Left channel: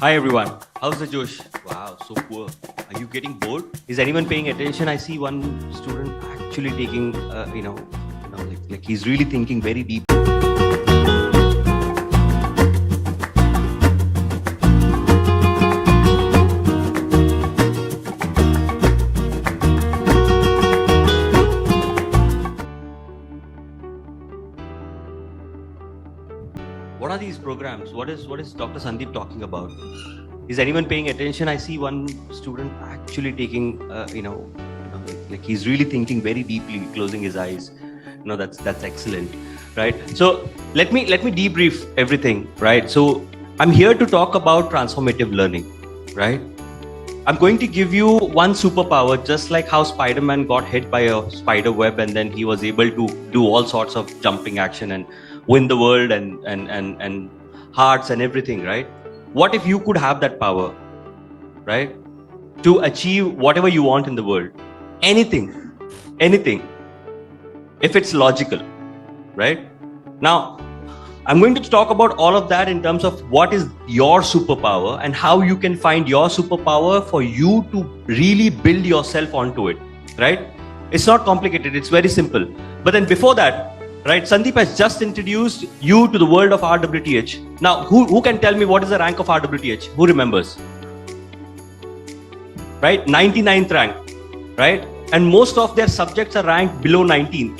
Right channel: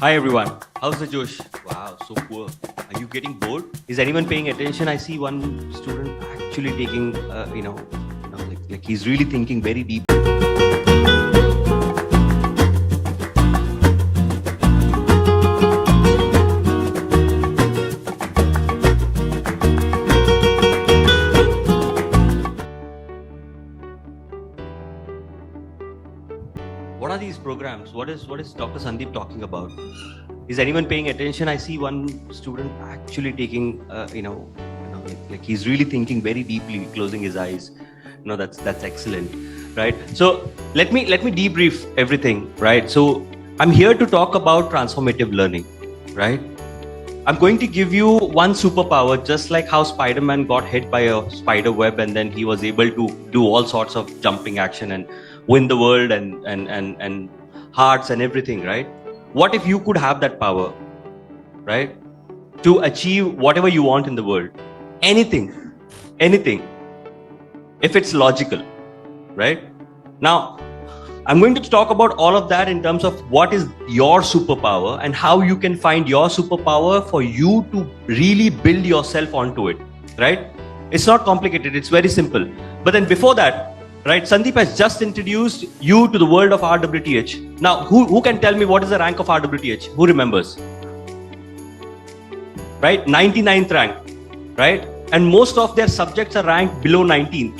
Hi everyone, how's the Josh? Wow, so poor. Are you getting bored? Is anyone paying attention? I see one student actually taking, like he's really thinking very deep. What are these programs? What is Dr. Sandeep talking about? Is anyone paying attention? I see one student actually taking, like he's really thinking very deeply, closing his eyes. That's excellent, right? So let me debrief everything, right? So I'm here to talk about transformative learning, right? I'm going to give you one superpower, just like how Spider-Man got hit by a spider web and then he was able to do all sorts of jumping action and win the world and hearts and everything, right? What if you could have that power, right? To achieve whatever you want in the world. Anything. If it's logical, right? Now, I'm going to talk about all of that in terms of what is your superpower and how you can find your superpower for you to really build yourself onto it, right? It's not complicated, it's very simple. But then before that, right, Sandeep has just introduced you to the world of RWTH. Now, who can tell me what is the rank of RWTH? Who remembers? Right, 99th rank, right? And most of their subjects are ranked below 19.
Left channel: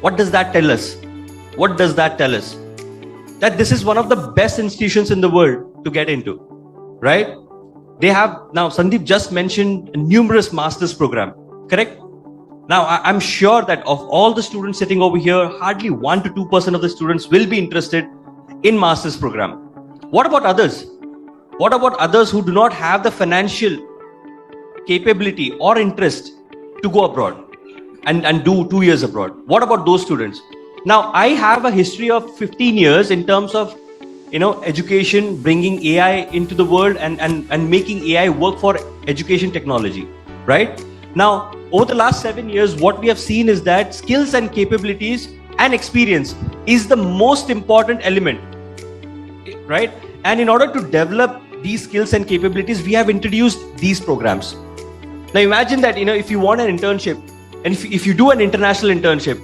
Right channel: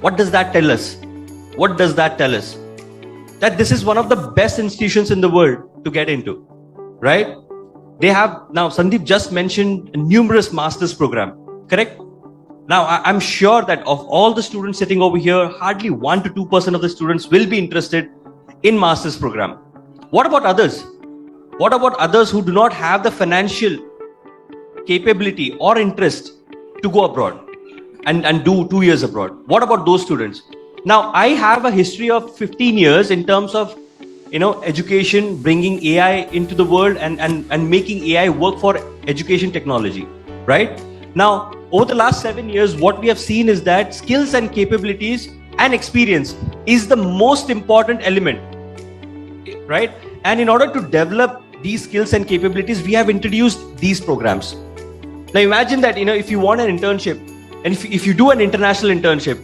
What does that tell us? That this is one of the best institutions in the world to get into, right? They have, now Sandeep just mentioned numerous master's program, correct? Now, I'm sure that of all the students sitting over here, hardly 1 to 2% of the students will be interested in master's program. What about others? What about others who do not have the financial capability or interest to go abroad and do 2 years abroad? What about those students? Now, I have a history of 15 years in terms of, education, bringing AI into the world and making AI work for education technology, right? Now, over the last 7 years, what we have seen is that skills and capabilities and experience is the most important element, right? And in order to develop these skills and capabilities, we have introduced these programs. Now, imagine that, if you want an internship, and if you do an international internship,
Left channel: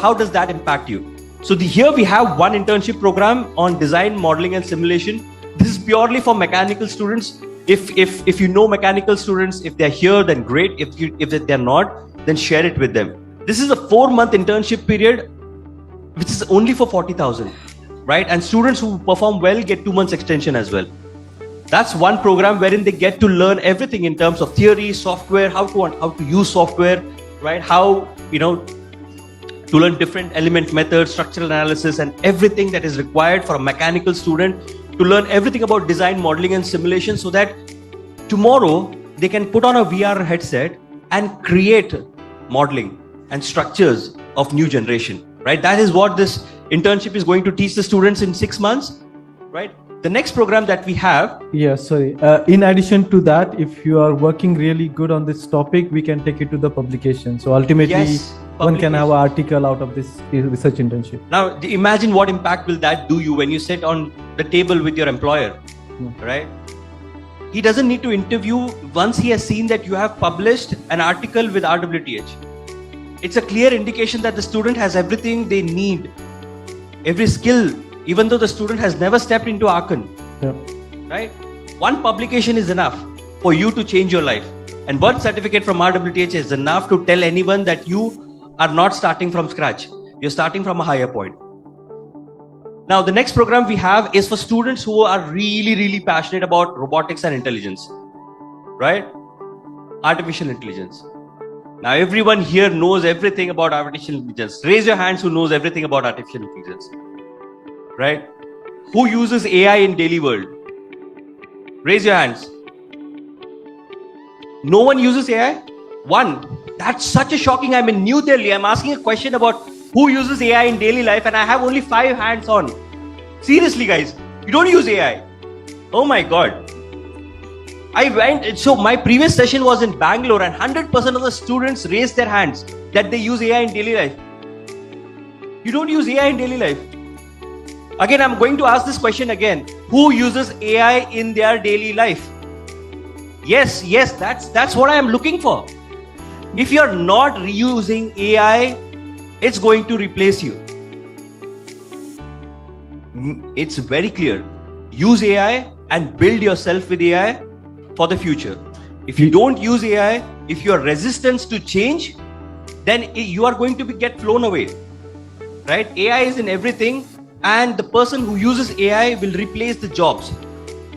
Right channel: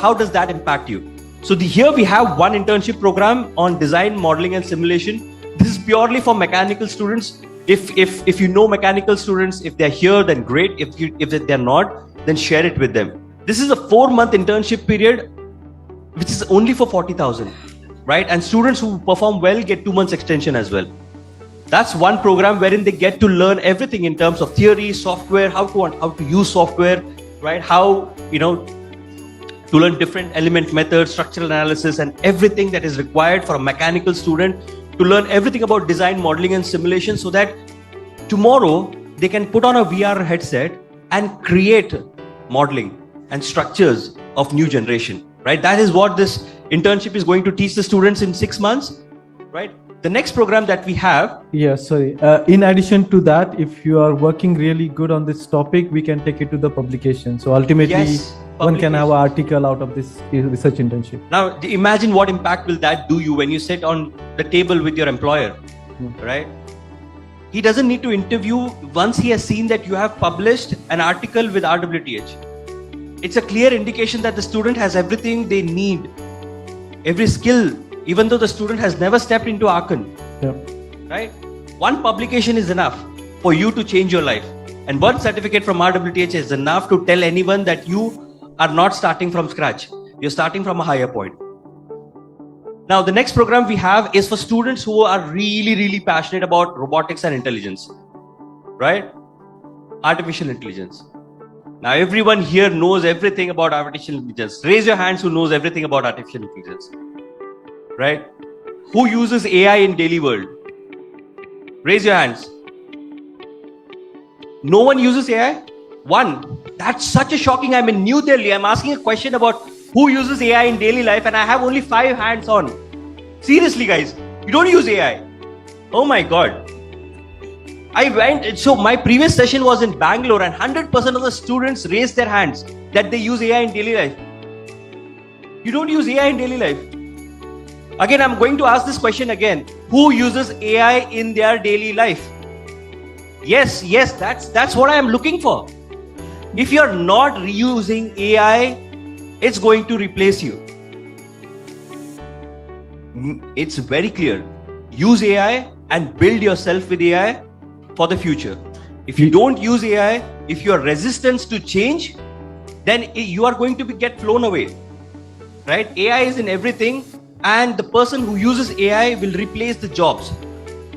how does that impact you? So here we have one internship program on design, modeling and simulation. This is purely for mechanical students. If you know mechanical students, if they're here, then great. If they're not, then share it with them. This is a 4-month internship period, which is only for 40,000, right? And students who perform well get 2 months extension as well. That's one program wherein they get to learn everything in terms of theory, software, how to use software, right? How, to learn different element methods, structural analysis, and everything that is required for a mechanical student to learn everything about design, modeling, and simulation, so that tomorrow they can put on a VR headset and create modeling and structures of new generation, right? That is what this internship is going to teach the students in 6 months, right? The next program that we have. In addition to that, if you are working really good on this topic, we can take it to the publication. So ultimately, Yes, one can have an article out of this research internship. Now, imagine what impact will that do you when you sit on the table with your employer, right? He doesn't need to interview once he has seen that you have published an article with RWTH. It's a clear indication that the student has everything they need, every skill, even though the student has never stepped into Aachen, right? One publication is enough for you to change your life. And one certificate from RWTH is enough to tell anyone that you are not starting from scratch. You're starting from a higher point. Now, the next program we have is for students who are really, really passionate about robotics and intelligence, right? Artificial intelligence. Now, everyone here knows everything about artificial intelligence. Raise your hands who knows everything about artificial intelligence, right? Who uses AI in daily world? Raise your hands. No one uses AI? One. That's such a shocking. I'm in New Delhi. I'm asking a question about who uses AI in daily life and I have only 5 hands on. Seriously, guys, you don't use AI. Oh my God. So my previous session was in Bangalore and 100% of the students raised their hands that they use AI in daily life. You don't use AI in daily life. Again, I'm going to ask this question again. who uses AI in their daily life? Yes, that's what I am looking for. If you're not using AI, it's going to replace you. It's very clear. Use AI and build yourself with AI for the future. If you don't use AI, if you are resistant to change, then you are going to get blown away. Right? AI is in everything, and the person who uses AI will replace the jobs.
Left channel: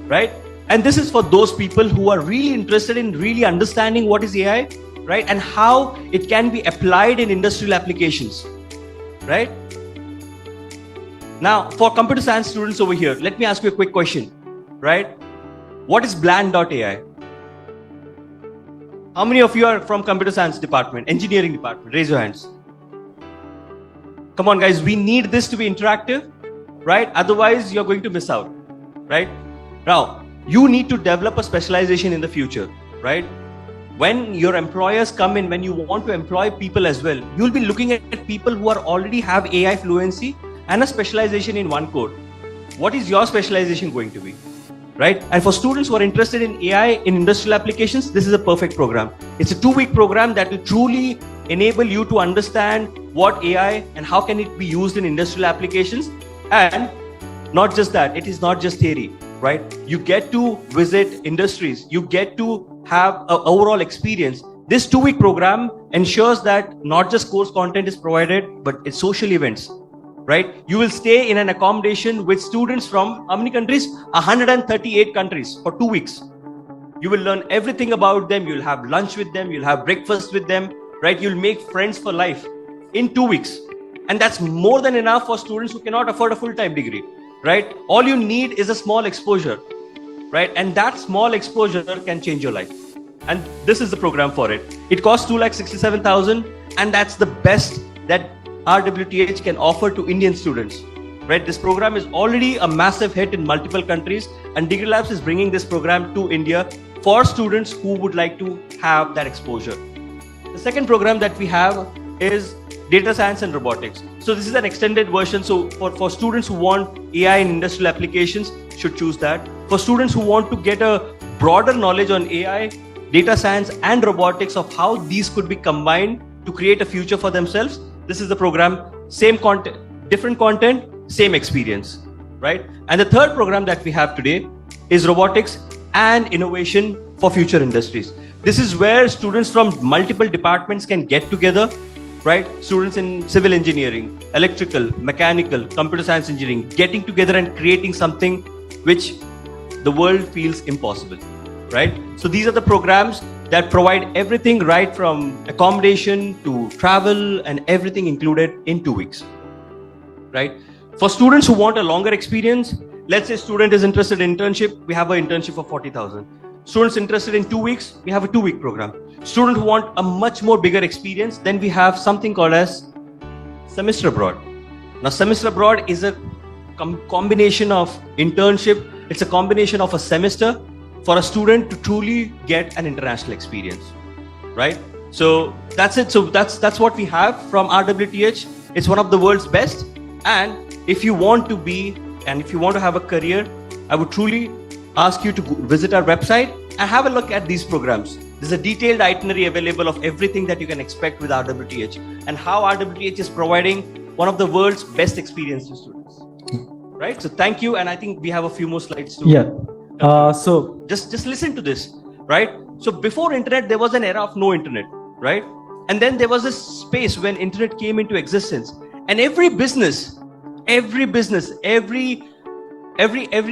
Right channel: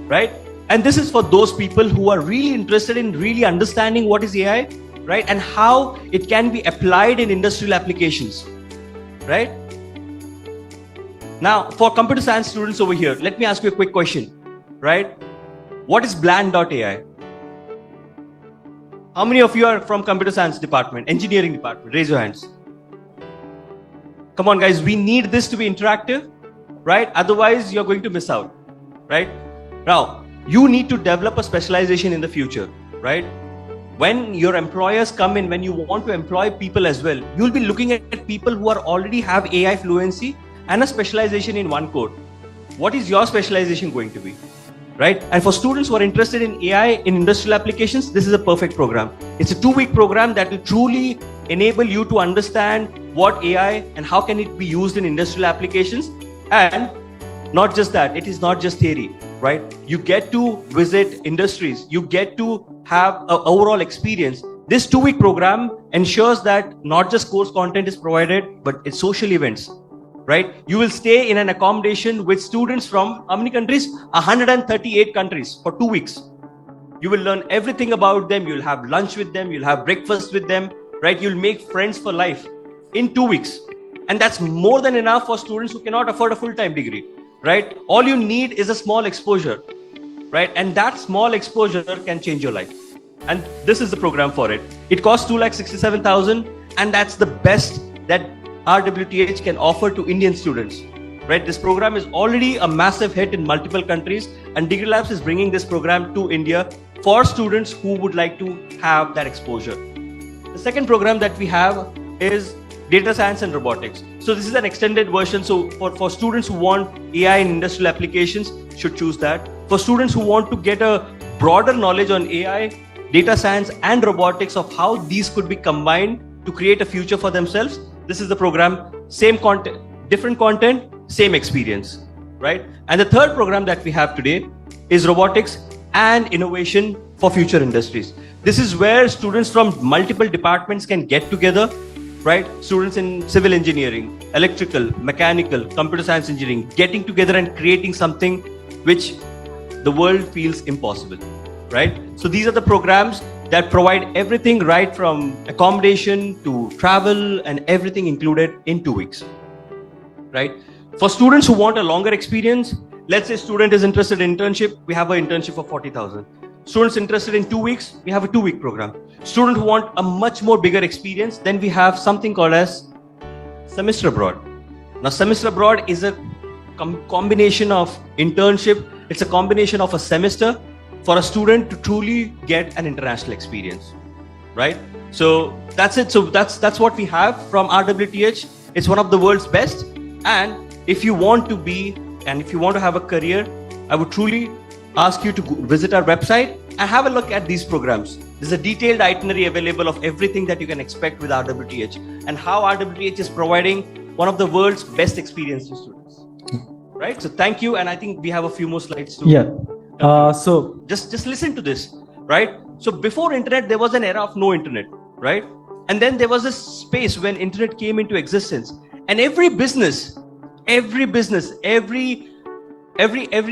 Right? And this is for those people who are really interested in really understanding what is AI, right? And how it can be applied in industrial applications. Right? Now, for computer science students over here, let me ask you a quick question. Right? What is bland.ai? How many of you are from computer science department, engineering department? Raise your hands. Come on, guys, we need this to be interactive, right? Otherwise, you're going to miss out, right? Now, you need to develop a specialization in the future, right? When your employers come in, when you want to employ people as well, you'll be looking at people who already have AI fluency and a specialization in one code. What is your specialization going to be? Right? And for students who are interested in AI in industrial applications, this is a perfect program. It's a 2-week program that will truly enable you to understand what AI and how can it be used in industrial applications. And not just that, it is not just theory, right? You get to visit industries, you get to have an overall experience. This 2-week program ensures that not just course content is provided, but it's social events. Right? You will stay in an accommodation with students from how many countries? 138 countries for 2 weeks. You will learn everything about them. You'll have lunch with them. You'll have breakfast with them. Right? You'll make friends for life in 2 weeks. And that's more than enough for students who cannot afford a full-time degree. Right? All you need is a small exposure. Right? And that small exposure can change your life. And this is the program for it. It costs 2,67,000, and that's the best that RWTH can offer to Indian students. Right? This program is already a massive hit in multiple countries, and Degree Labs is bringing this program to India for students who would like to have that exposure. The second program that we have is Data Science and Robotics. So this is an extended version. So for students who want AI in industrial applications, should choose that. For students who want to get a broader knowledge on AI, data science and robotics, of how these could be combined to create a future for themselves, this is the program. Same content, different content, same experience, right? And the third program that we have today is Robotics and Innovation for Future Industries. This is where students from multiple departments can get together, right? Students in civil engineering, electrical, mechanical, computer science engineering, getting together and creating something which the world feels impossible, right? So these are the programs that provide everything, right from accommodation to travel and everything included in 2 weeks, right? For students who want a longer experience, let's say student is interested in internship, we have an internship for 40,000. Students interested in 2 weeks, we have a 2-week program. Students who want a much more bigger experience, then we have something called as semester abroad. Now, semester abroad is a combination of internship. It's a combination of a semester for a student to truly get an international experience, right? So that's it. So that's what we have from RWTH. It's one of the world's best. And if you want to be, and if you want to have a career, I would truly ask you to visit our website and have a look at these programs. There's a detailed itinerary available of everything that you can expect with RWTH and how RWTH is providing one of the world's best experience to students. Right? So thank you. And I think we have a few more slides too. Yeah. So just listen to this, right? So before internet, there was an era of no internet, right? And then there was this space when internet came into existence, and every business, every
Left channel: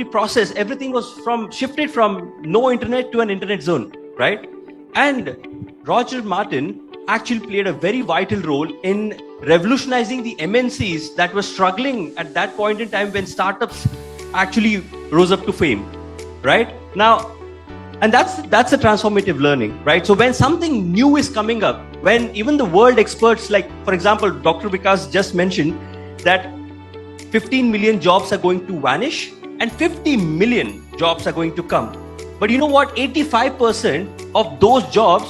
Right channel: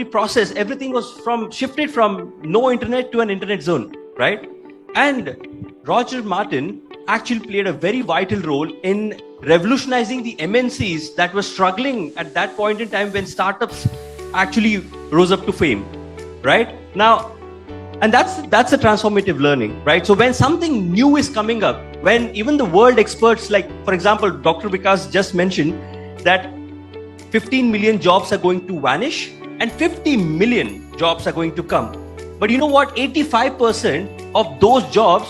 process, everything was shifted from no internet to an internet zone, right? And Roger Martin actually played a very vital role in revolutionizing the MNCs that were struggling at that point in time when startups actually rose up to fame. Right now, and that's a transformative learning, right? So when something new is coming up, when even the world experts, like for example, Dr. Vikas just mentioned that 15 million jobs are going to vanish and 50 million jobs are going to come. But you know what? 85% of those jobs,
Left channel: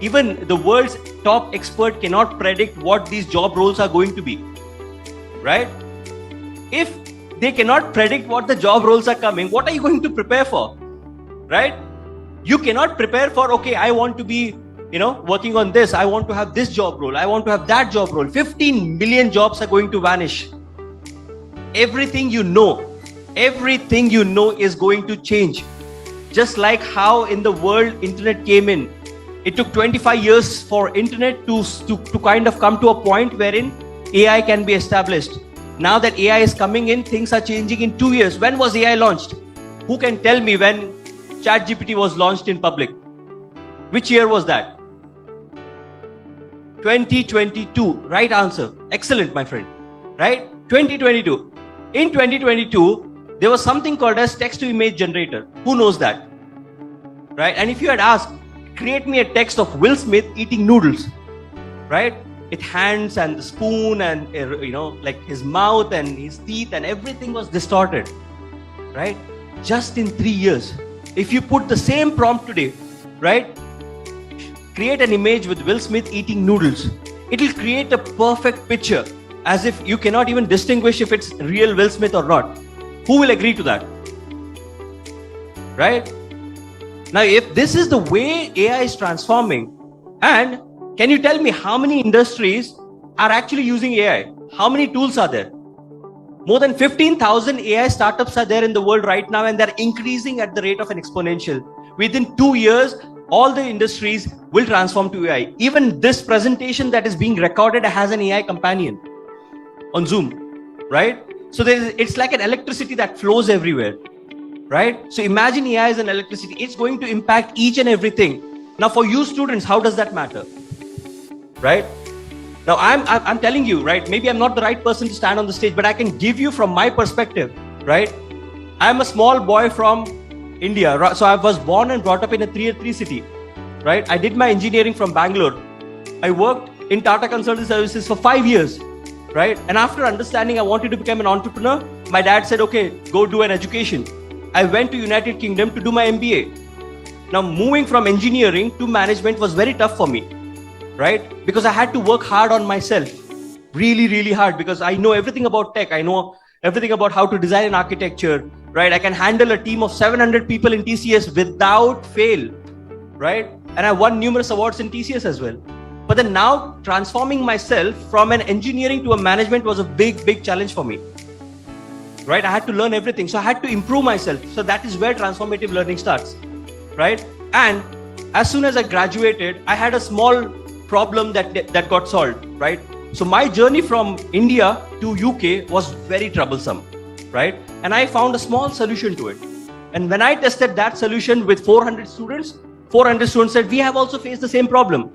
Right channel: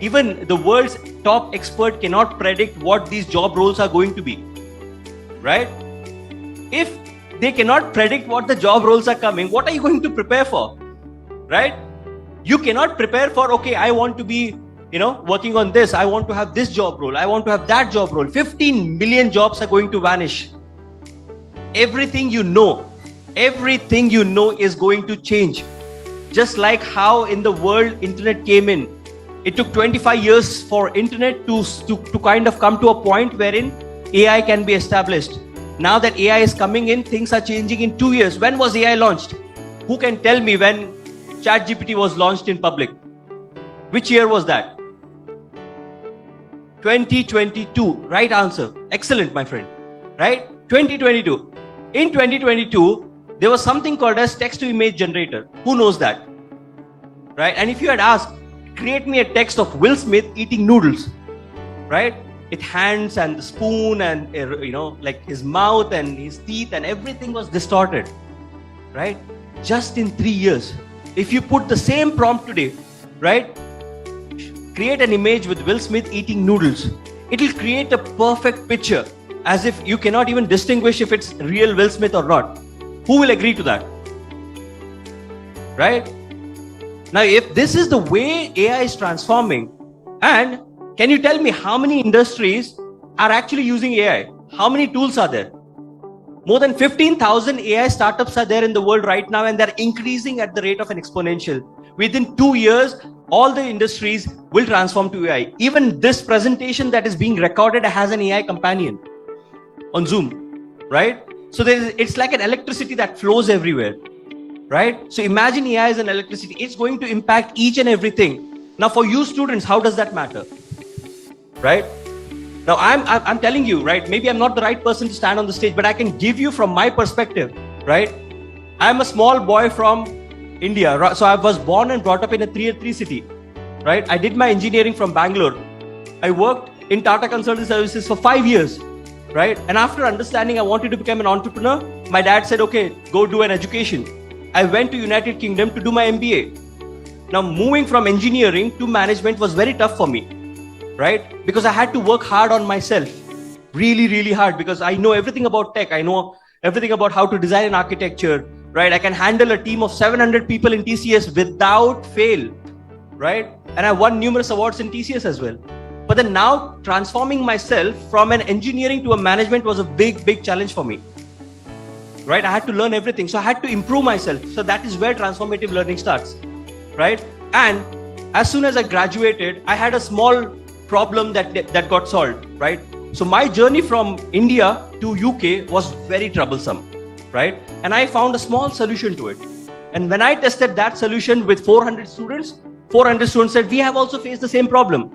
even the world's top expert cannot predict what these job roles are going to be, right? If they cannot predict what the job roles are coming. What are you going to prepare for? Right? You cannot prepare for, okay, I want to be, working on this. I want to have this job role. I want to have that job role. 15 million jobs are going to vanish. Everything you know is going to change. Just like how in the world internet came in. It took 25 years for internet to kind of come to a point wherein AI can be established. Now that AI is coming in, things are changing in 2 years. When was AI launched? Who can tell me when ChatGPT was launched in public? Which year was that? 2022. Right answer. Excellent, my friend. Right? 2022. In 2022, there was something called as text-to-image generator. Who knows that? Right? And if you had asked, create me a text of Will Smith eating noodles, right? With hands and the spoon and, like his mouth and his teeth and everything was distorted, right? Just in 3 years. If you put the same prompt today, right? Create an image with Will Smith eating noodles. It will create a perfect picture as if you cannot even distinguish if it's real Will Smith or not. Who will agree to that? Right? Now, if this is the way AI is transforming, and can you tell me how many industries are actually using AI? How many tools are there? More than 15,000 AI startups are there in the world right now, and they're increasing at the rate of an exponential. Within 2 years, all the industries will transform to AI. Even this presentation that is being recorded has an AI companion on Zoom, right? So it's like an electricity that flows everywhere, right? So imagine AI is an electricity. It's going to impact each and everything. Now for you students, how does that matter? Right? Now I'm telling you, right? Maybe I'm not the right person to stand on the stage, but I can give you from my perspective, right? I'm a small boy from India, so I was born and brought up in a tier 3 city, right? I did my engineering from Bangalore. I worked in Tata Consulting Services for 5 years, right? And after understanding I wanted to become an entrepreneur, my dad said, okay, go do an education. I went to United Kingdom to do my MBA. Now moving from engineering to management was very tough for me, right? Because I had to work hard on myself, really, really hard, because I know everything about tech. I know everything about how to design an architecture, right? I can handle a team of 700 people in TCS without fail, right? And I won numerous awards in TCS as well. But then now transforming myself from an engineering to a management was a big, big challenge for me, right? I had to learn everything. So I had to improve myself. So that is where transformative learning starts, right? And as soon as I graduated, I had a small problem that got solved, right? So my journey from India to UK was very troublesome, right? And I found a small solution to it. And when I tested that solution with 400 students said, we have also faced the same problem.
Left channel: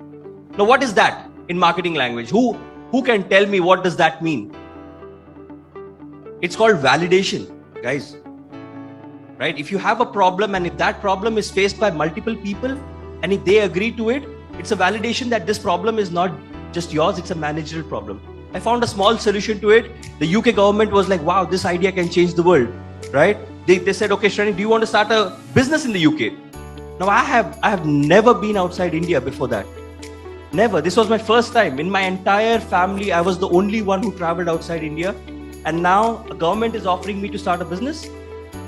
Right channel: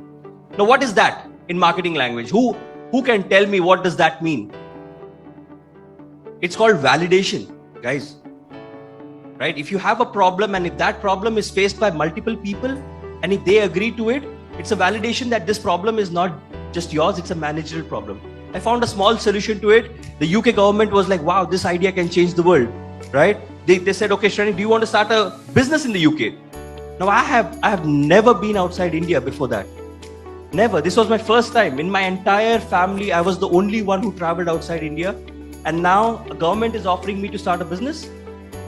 Now, what is that in marketing language? Who can tell me what does that mean? It's called validation, guys. Right? If you have a problem and if that problem is faced by multiple people and if they agree to it, it's a validation that this problem is not just yours, it's a managerial problem. I found a small solution to it. The UK government was like, wow, this idea can change the world, right? They said, okay, Shrani, do you want to start a business in the UK? Now, I have never been outside India before that. Never. This was my first time. In my entire family, I was the only one who traveled outside India. And now a government is offering me to start a business,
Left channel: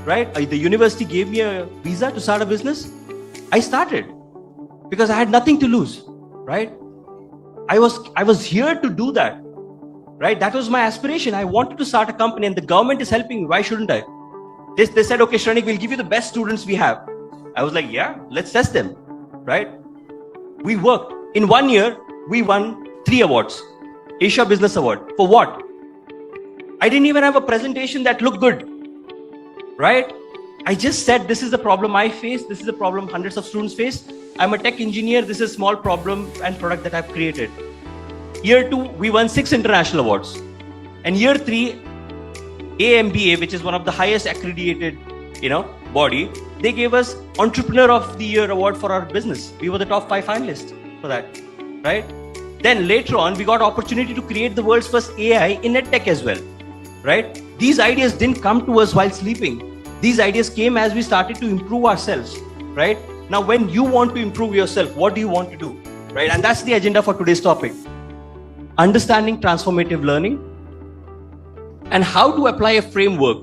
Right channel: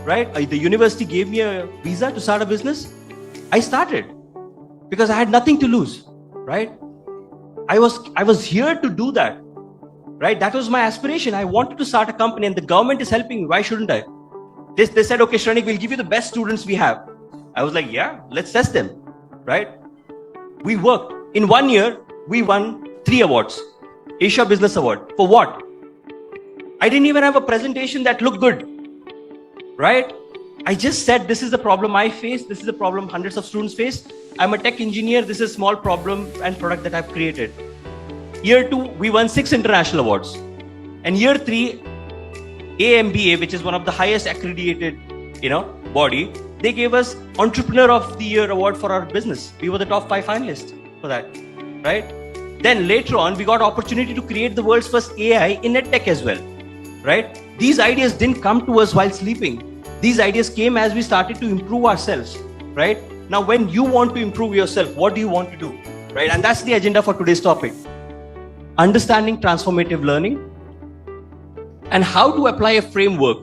right? The university gave me a visa to start a business. I started because I had nothing to lose, right? I was here to do that, right? That was my aspiration. I wanted to start a company and the government is helping me. Why shouldn't I? They said, okay, Shranik, we'll give you the best students we have. I was like, yeah, let's test them, right? We worked. In 1 year, we won 3 awards. Asia Business Award. For what? I didn't even have a presentation that looked good, right? I just said, this is the problem I face. This is the problem hundreds of students face. I'm a tech engineer. This is a small problem and product that I've created. Year 2, we won 6 international awards. And year 3, AMBA, which is one of the highest accredited, body, they gave us Entrepreneur of the Year award for our business. We were the top 5 finalists for that, right? Then later on, we got opportunity to create the world's first AI in EdTech as well, right? These ideas didn't come to us while sleeping. These ideas came as we started to improve ourselves, right? Now, when you want to improve yourself, what do you want to do, right? And that's the agenda for today's topic. Understanding transformative learning and how to apply a framework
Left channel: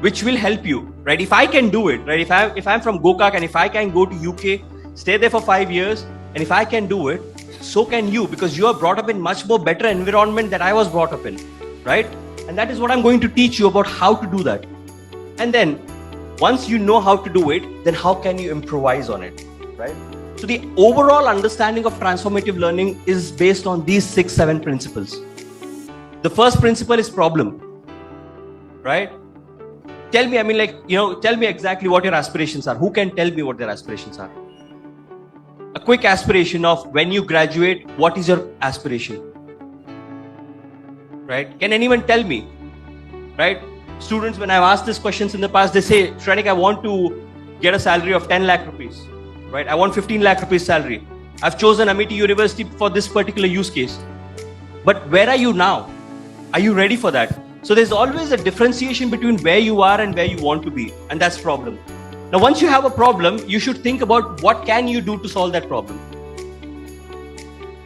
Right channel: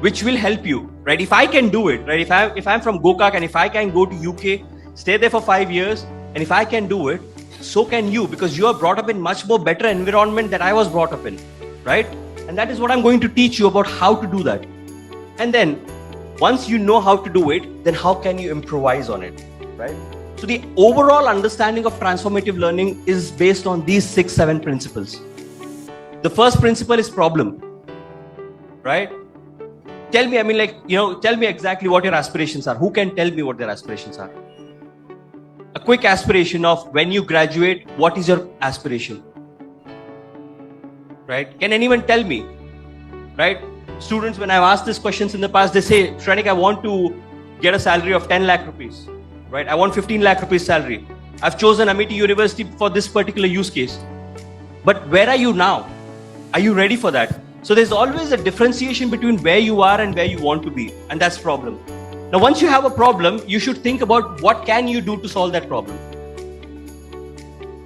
which will help you, right? If I can do it, right? If I'm from Gokak and if I can go to UK, stay there for 5 years, and if I can do it, so can you, because you are brought up in much more better environment than I was brought up in, right? And that is what I'm going to teach you about how to do that. And then once you know how to do it, then how can you improvise on it, right? So the overall understanding of transformative learning is based on these 6-7 principles. The first principle is problem, right? Tell me, tell me exactly what your aspirations are. Who can tell me what their aspirations are? A quick aspiration of when you graduate, what is your aspiration? Right? Can anyone tell me? Right? Students, when I've asked these questions in the past, they say, Shrenik, I want to get a salary of 10 lakh rupees. Right? I want 15 lakh rupees salary. I've chosen Amity University for this particular use case. But where are you now? Are you ready for that? So there's always a differentiation between where you are and where you want to be. And that's problem. Now, once you have a problem, you should think about what can you do to solve that problem.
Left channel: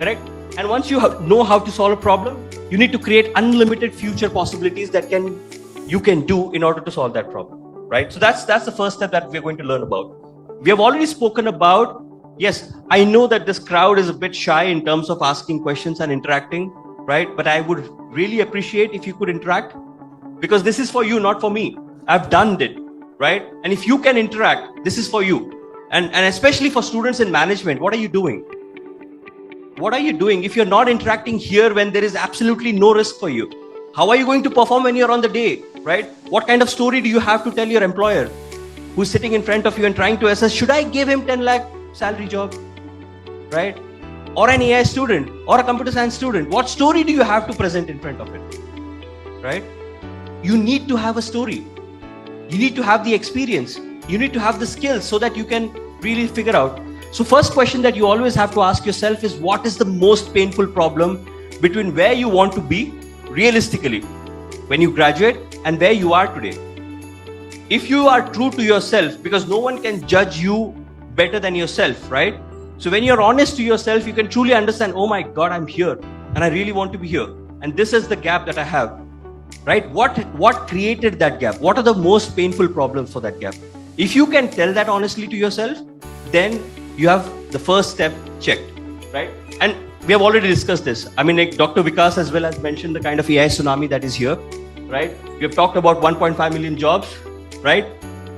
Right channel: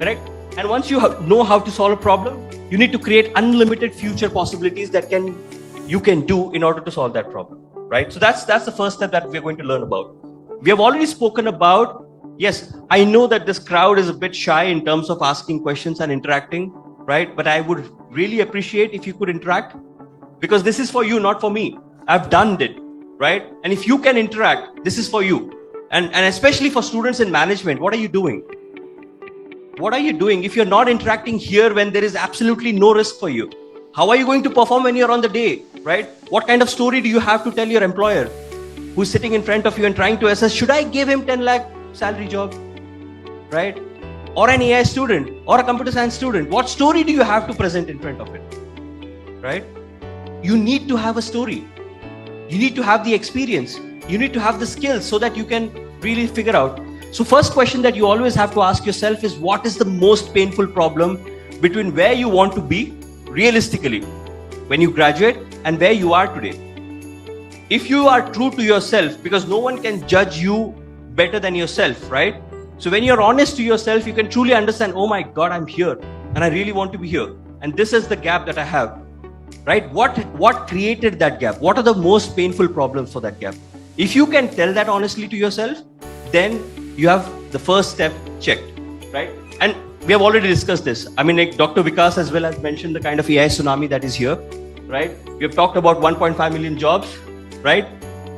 Correct? And once you know how to solve a problem, you need to create unlimited future possibilities that you can do in order to solve that problem. Right? So that's the first step that we're going to learn about. We have already spoken about, yes, I know that this crowd is a bit shy in terms of asking questions and interacting, right? But I would really appreciate if you could interact, because this is for you, not for me. I've done it, right? And if you can interact, this is for you. And especially for students in management, what are you doing? What are you doing if you're not interacting here when there is absolutely no risk for you? How are you going to perform when you're on the day, right? What kind of story do you have to tell your employer who's sitting in front of you and trying to assess, should I give him 10 lakh salary job, right? Or an AI student or a computer science student, what story do you have to present in front of it, right? You need to have a story. You need to have the experience. You need to have the skills so that you can really figure out. So first question that you always have to ask yourself is, what is the most painful problem between where you want to be realistically when you graduate and where you are today? If you are true to yourself, because no one can judge you better than yourself, right? So when you're honest to yourself, you can truly understand, oh my God, I'm here and I really want to be here. And this is the gap that I have, right? What created that gap? What are the most painful problems for that gap? If you can tell that honestly to yourself, then you have the first step checked, right? And we have already discussed this. I mean, like Dr. Vikas as well has mentioned the kind of AI tsunami that is here, right? We have talked about 1.5 million jobs, right?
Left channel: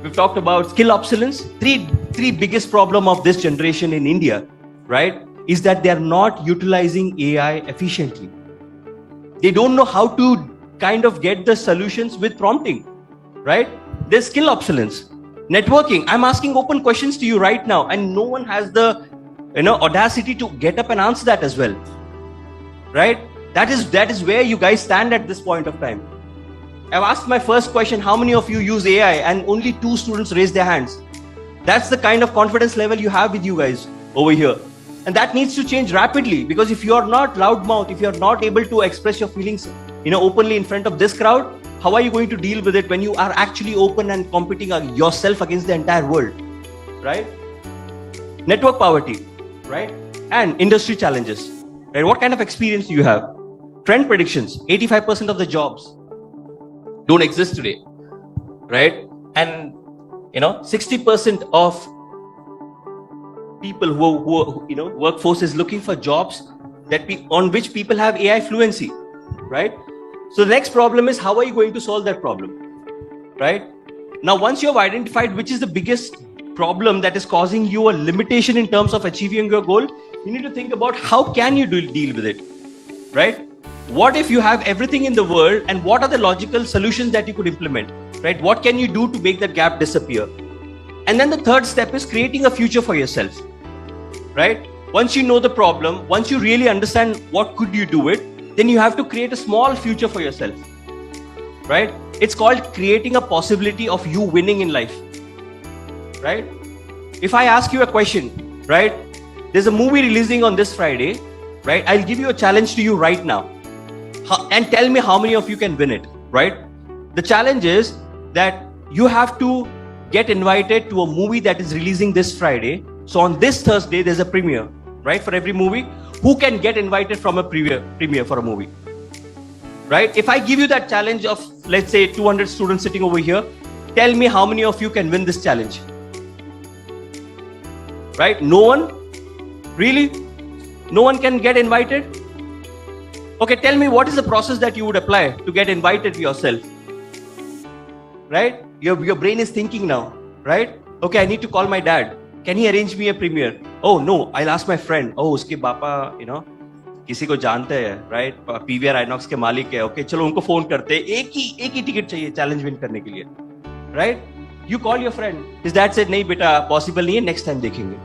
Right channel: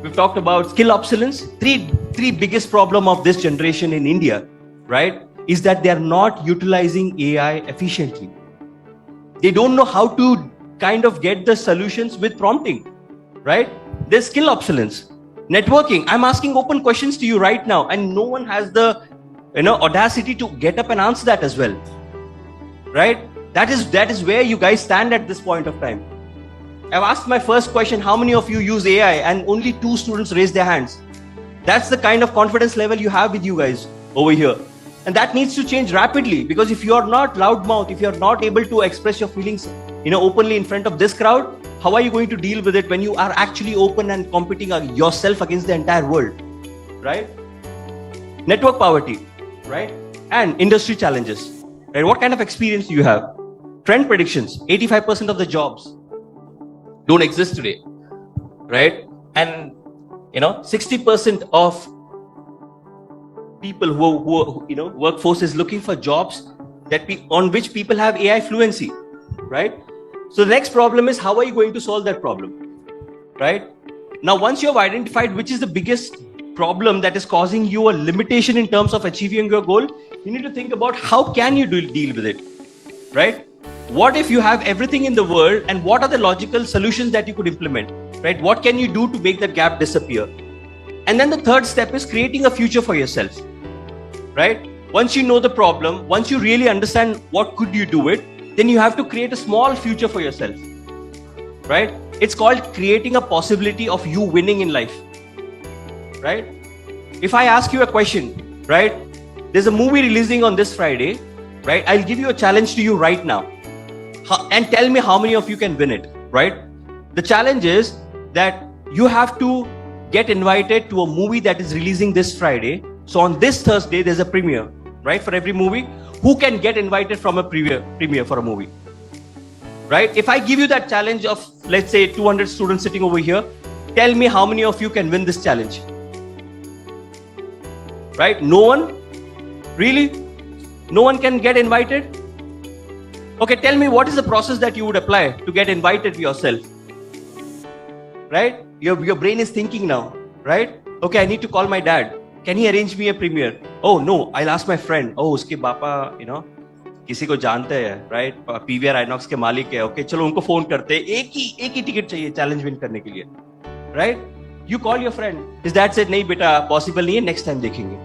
We've talked about skill obsolescence. Three biggest problem of this generation in India, right, is that they're not utilizing AI efficiently. They don't know how to kind of get the solutions with prompting, right? There's skill obsolescence. Networking. I'm asking open questions to you right now, and no one has the audacity to get up and answer that as well, right? That is where you guys stand at this point of time. I've asked my first question, how many of you use AI? And only 2 students raised their hands. That's the kind of confidence level you have with you guys over here. And that needs to change rapidly, because if you're not loudmouth, if you're not able to express your feelings, openly in front of this crowd, how are you going to deal with it when you are actually open and competing yourself against the entire world, right? Network poverty, right? And industry challenges. Right? What kind of experience do you have? Trend predictions. 85% of the jobs don't exist today, right? And 60% of people who workforce is looking for jobs on which people have AI fluency, right? So the next problem is, how are you going to solve that problem, right? Now, once you have identified which is the biggest problem that is causing you a limitation in terms of achieving your goal, you need to think about how can you deal with it, right? What if you have everything in the world, and what are the logical solutions that you could implement, right? What can you do to make that gap disappear? And then the third step is creating a future for yourself, right? Once you know the problem, once you really understand what could you do it, then you have to create a small future for yourself, right? It's called creating a possibility of you winning in life, right? If I ask you a question, right? There's a movie releasing on this Friday, right? I'll give you a challenge to you right now. And tell me how many of you can win it, right? The challenge is that you have to get invited to a movie that is releasing this Friday. So on this Thursday, there's a premiere, right? For every movie. Who can get invited from a premiere for a movie, right? If I give you that challenge of, let's say, 200 students sitting over here, Tell me how many of you can win this challenge? Right? No one? Really? No one can get invited? Okay, tell me what is the process that you would apply to get invited yourself? Right? Your brain is thinking now, right? Okay, I need to call my dad. Can he arrange me a premiere? Oh no, I'll ask my friend. Oh, uske papa, किसी को जानते हैं, right? PVR Inox के मालिक है. Okay, चलो उनको phone करते हैं. एक ही टिकट चाहिए चैलेंज विन करने के लिए, right? You call your friend. His dad said नहीं बेटा possible नहीं है, next time देखेंगे.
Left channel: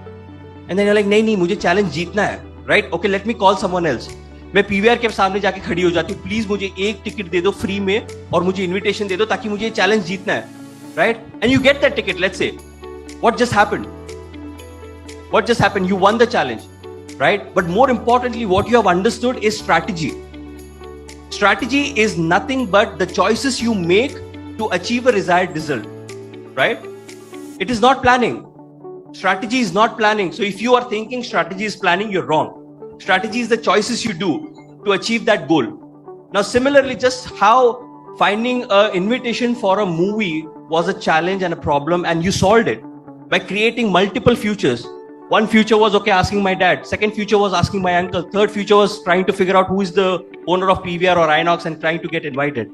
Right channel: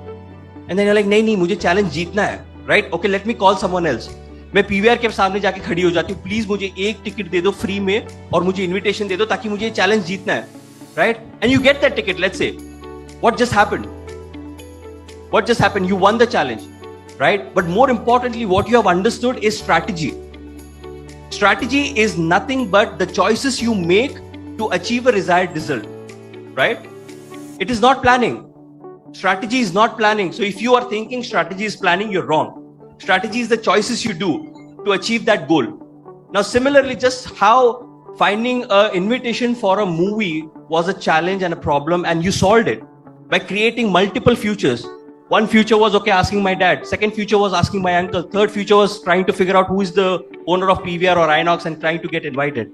And then you're like नहीं मुझे चैलेंज जीतना है, right? Okay, let me call someone else. मैं PVR के सामने जाके खड़ी हो जाती हूँ. प्लीज मुझे एक टिकट दे दो फ्री में और मुझे इनविटेशन दे दो ताकि मुझे चैलेंज जीतना है, right? And you get that ticket. Let's say, what just happened? What just happened? You won the challenge, right? But more importantly, what you have understood is strategy. Strategy is nothing but the choices you make to achieve a desired result, right? It is not planning. Strategy is not planning. So if you are thinking strategy is planning, you're wrong. Strategy is the choices you do to achieve that goal. Now, similarly, just how finding an invitation for a movie was a challenge and a problem, and you solved it by creating multiple futures. One future was okay, asking my dad. Second future was asking my uncle. Third future was trying to figure out who is the owner of PVR or Inox and trying to get invited.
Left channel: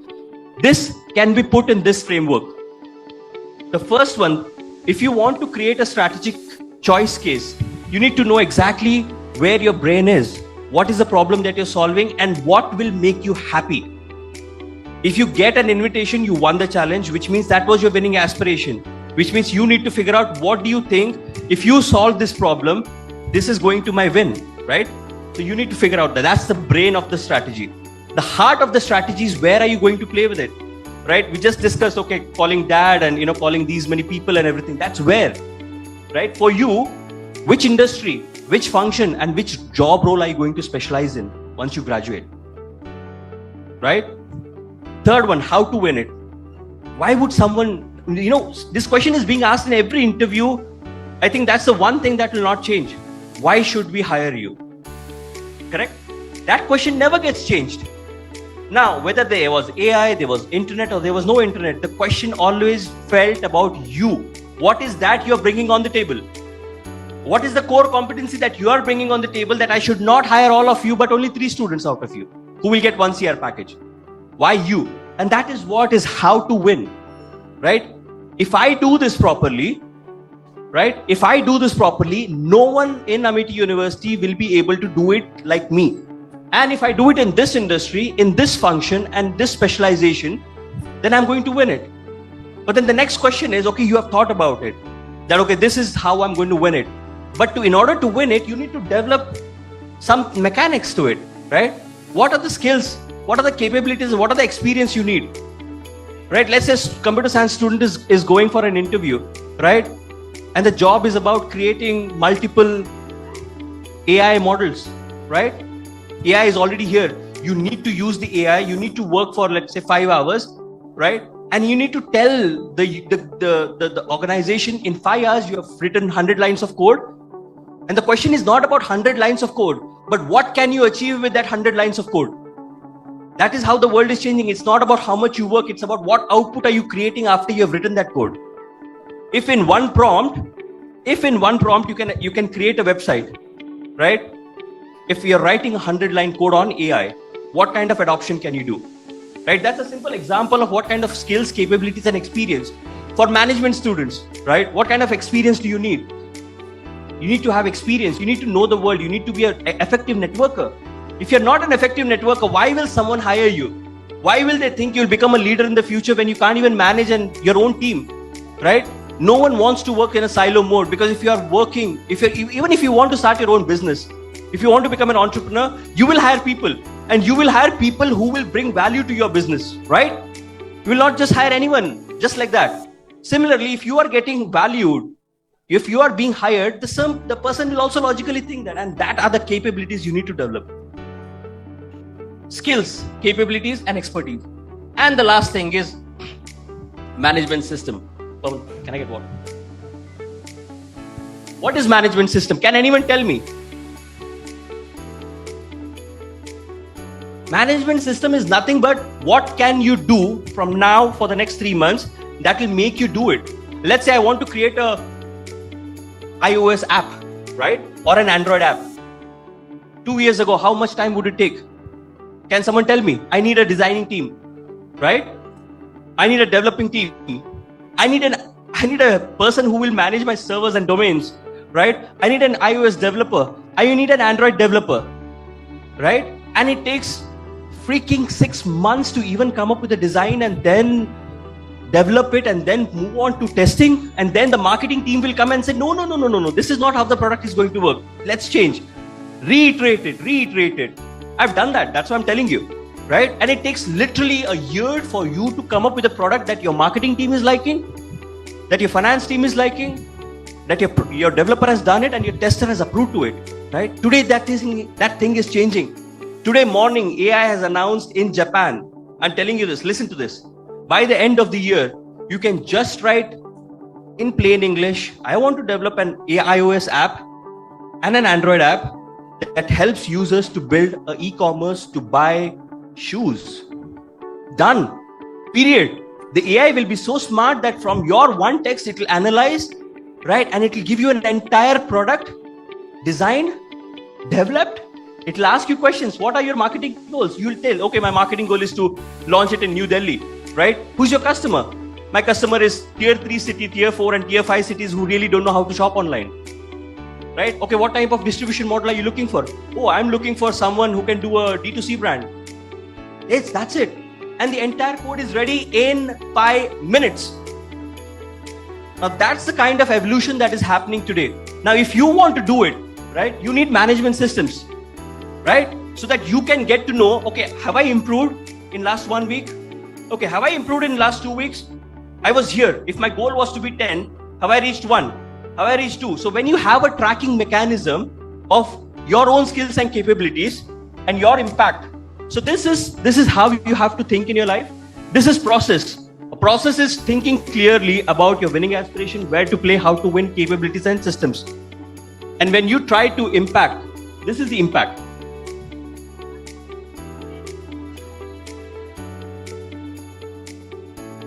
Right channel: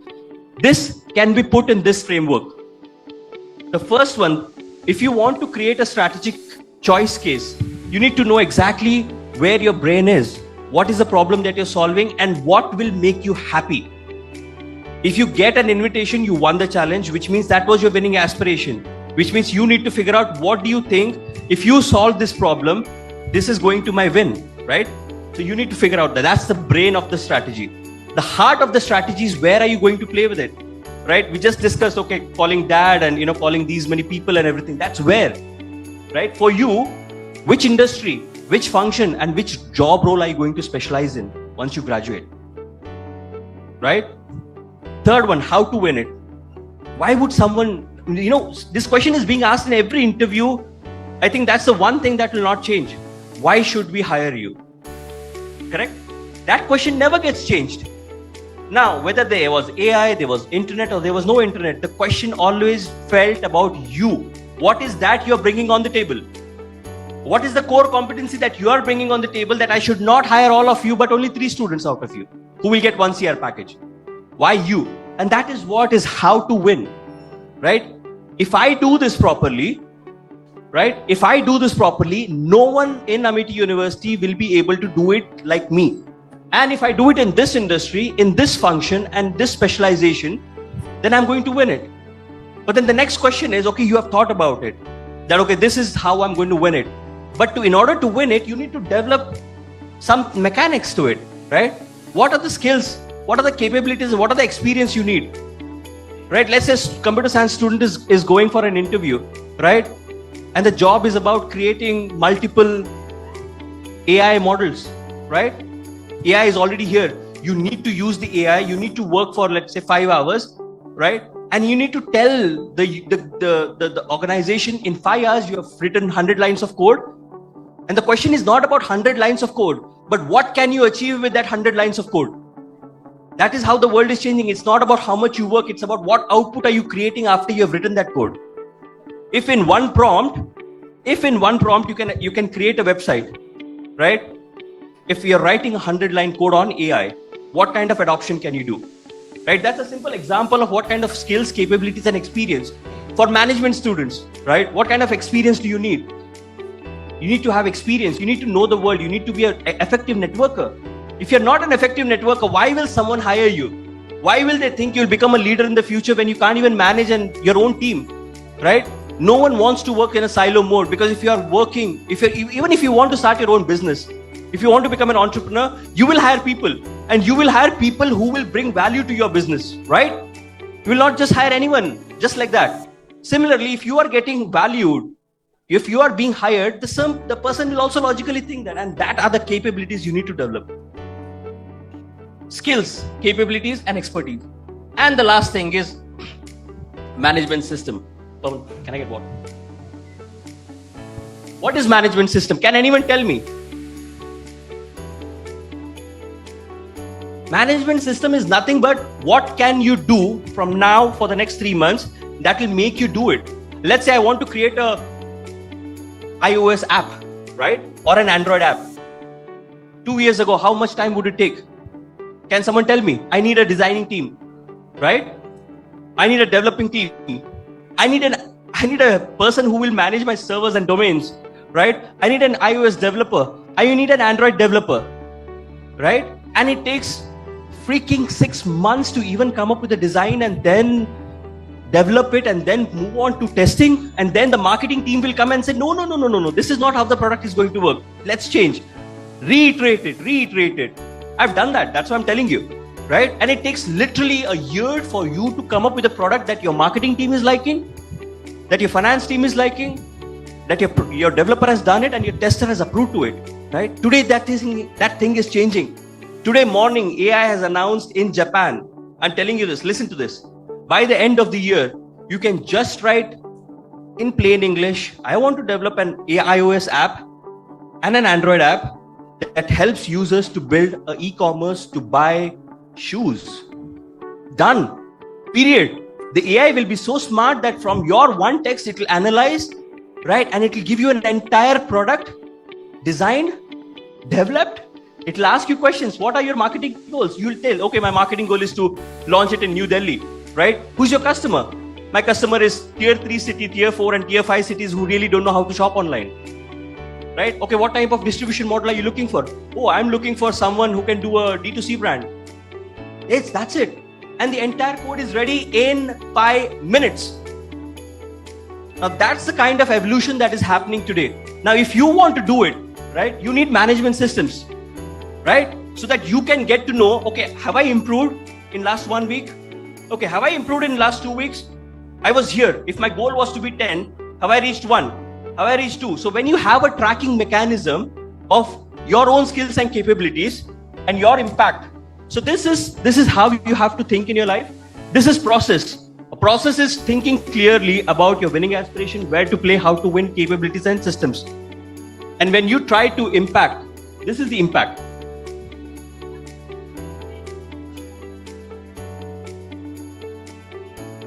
This can be put in this framework. The first one, if you want to create a strategic choice case, you need to know exactly where your brain is, what is the problem that you're solving, and what will make you happy. If you get an invitation, you won the challenge, which means that was your winning aspiration, which means you need to figure out what do you think, if you solve this problem, this is going to my win, right? So you need to figure out that. That's the brain of the strategy. The heart of the strategy is where are you going to play with it, right? We just discussed, okay, calling dad and, calling these many people and everything. That's where, right? For you, which industry, which function and which job role are you going to specialize in once you graduate, right? Third one, how to win it. Why would someone, this question is being asked in every interview. I think that's the one thing that will not change. Why should we hire you? Correct? That question never gets changed. Now, whether there was AI, there was internet or there was no internet, the question always felt about you. What is that you're bringing on the table? What is the core competency that you are bringing on the table that I should not hire all of you, but only 3 students out of you who will get 1 CR package? Why you? And that is what is how to win, right? If I do this properly, right? If I do this properly, no one in Amity University will be able to do it like me. And if I do it in this industry, in this function and this specialization, then I'm going to win it. But then the next question is, okay, you have thought about it. That, okay, this is how I'm going to win it. But in order to win it, you need to develop some mechanics to it, right? What are the skills? What are the capabilities? What are the experience you need? Right? Let's say computer science student is going for an interview, right? And the job is about creating multiple AI models, right? AI is already here. You need to use the AI. You need to work for, let's say, 5 hours, right? And you need to tell the organization in 5 hours you have written 100 lines of code. And the question is not about 100 lines of code, but what can you achieve with that 100 lines of code? That is how the world is changing. It's not about how much you work. It's about what output are you creating after you have written that code. If in one prompt you can create a website, right? If you're writing a 100-line code on AI, what kind of adoption can you do? Right? That's a simple example of what kind of skills, capabilities, and experience for management students, right? What kind of experience do you need? You need to have experience. You need to know the world. You need to be an effective networker. If you're not an effective networker, why will someone hire you? Why will they think you'll become a leader in the future when you can't even manage your own team, right? No one wants to work in a silo mode, because if you're working, even if you want to start your own business, if you want to become an entrepreneur, you will hire people, and you will hire people who will bring value to your business, right? You will not just hire anyone just like that. Similarly, if you are getting valued, if you are being hired, the person will also logically think that, and that are the capabilities you need to develop. Skills, capabilities, and expertise. And the last thing is management system. Oh, can I get water? What is management system? Can anyone tell me? Management system is nothing but what can you do from now for the next 3 months that will make you do it. Let's say I want to create a iOS app, right? Or an Android app. 2 years ago, how much time would it take? Can someone tell me? I need a designing team, right? I need a developing team. I need a person who will manage my servers and domains, right? I need an iOS developer. I need an Android developer, right? And it takes freaking 6 months to even come up with a design and then develop it and then move on to testing, and then the marketing team will come and say, no, this is not how the product is going to work. Let's change. Reiterate it. I've done that. That's what I'm telling you, right? And it takes literally a year for you to come up with a product that your marketing team is liking, that your finance team is liking, that your developer has done it and your tester has approved to it, right? Today that thing is changing. Today morning, AI has announced in Japan, I'm telling you this, listen to this. By the end of the year, you can just write in plain English, I want to develop an iOS app and an Android app that helps users to build an e-commerce to buy shoes. Done. Period. The AI will be so smart that from your one text, it will analyze, right? And it will give you an entire product designed, developed. It will ask you questions. What are your marketing goals? You will tell, okay, my marketing goal is to launch it in New Delhi, right? Who's your customer? My customer is tier 3 city, tier 4 and tier 5 cities who really don't know how to shop online, right? Okay, what type of distribution model are you looking for? Oh, I'm looking for someone who can do a D2C brand. Yes, that's it. And the entire code is ready in 5 minutes. Now that's the kind of evolution that is happening today. Now, if you want to do it, right, you need management systems, right? So that you can get to know, okay, have I improved in last 1 week? Okay, have I improved in last 2 weeks? I was here. If my goal was to be 10, have I reached 1? Have I reached 2? So when you have a tracking mechanism of your own skills and capabilities and your impact. So this is how you have to think in your life. This is process. A process is thinking clearly about your winning aspiration, where to play, how to win, capabilities and systems. And when you try to impact, this is the impact.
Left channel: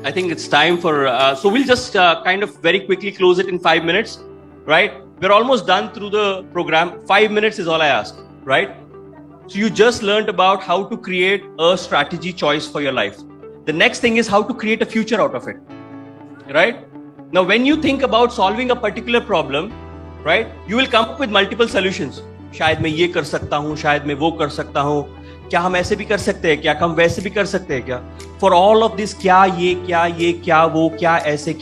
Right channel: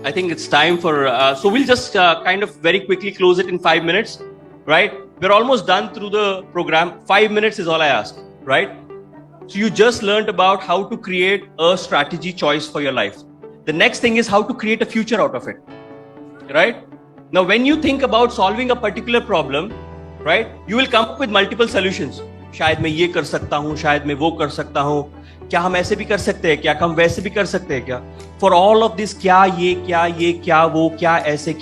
I think it's time for, so we'll just kind of very quickly close it in 5 minutes, right? We're almost done through the program. 5 minutes is all I ask, right? So you just learned about how to create a strategy choice for your life. The next thing is how to create a future out of it, right? Now, when you think about solving a particular problem, right, you will come up with multiple solutions. शायद मैं ये कर सकता हूँ, शायद मैं वो कर सकता हूँ, क्या हम ऐसे भी कर सकते हैं, क्या हम वैसे भी कर सकते हैं क्या? For all of this, क्या ये, क्या वो, क्या ऐसे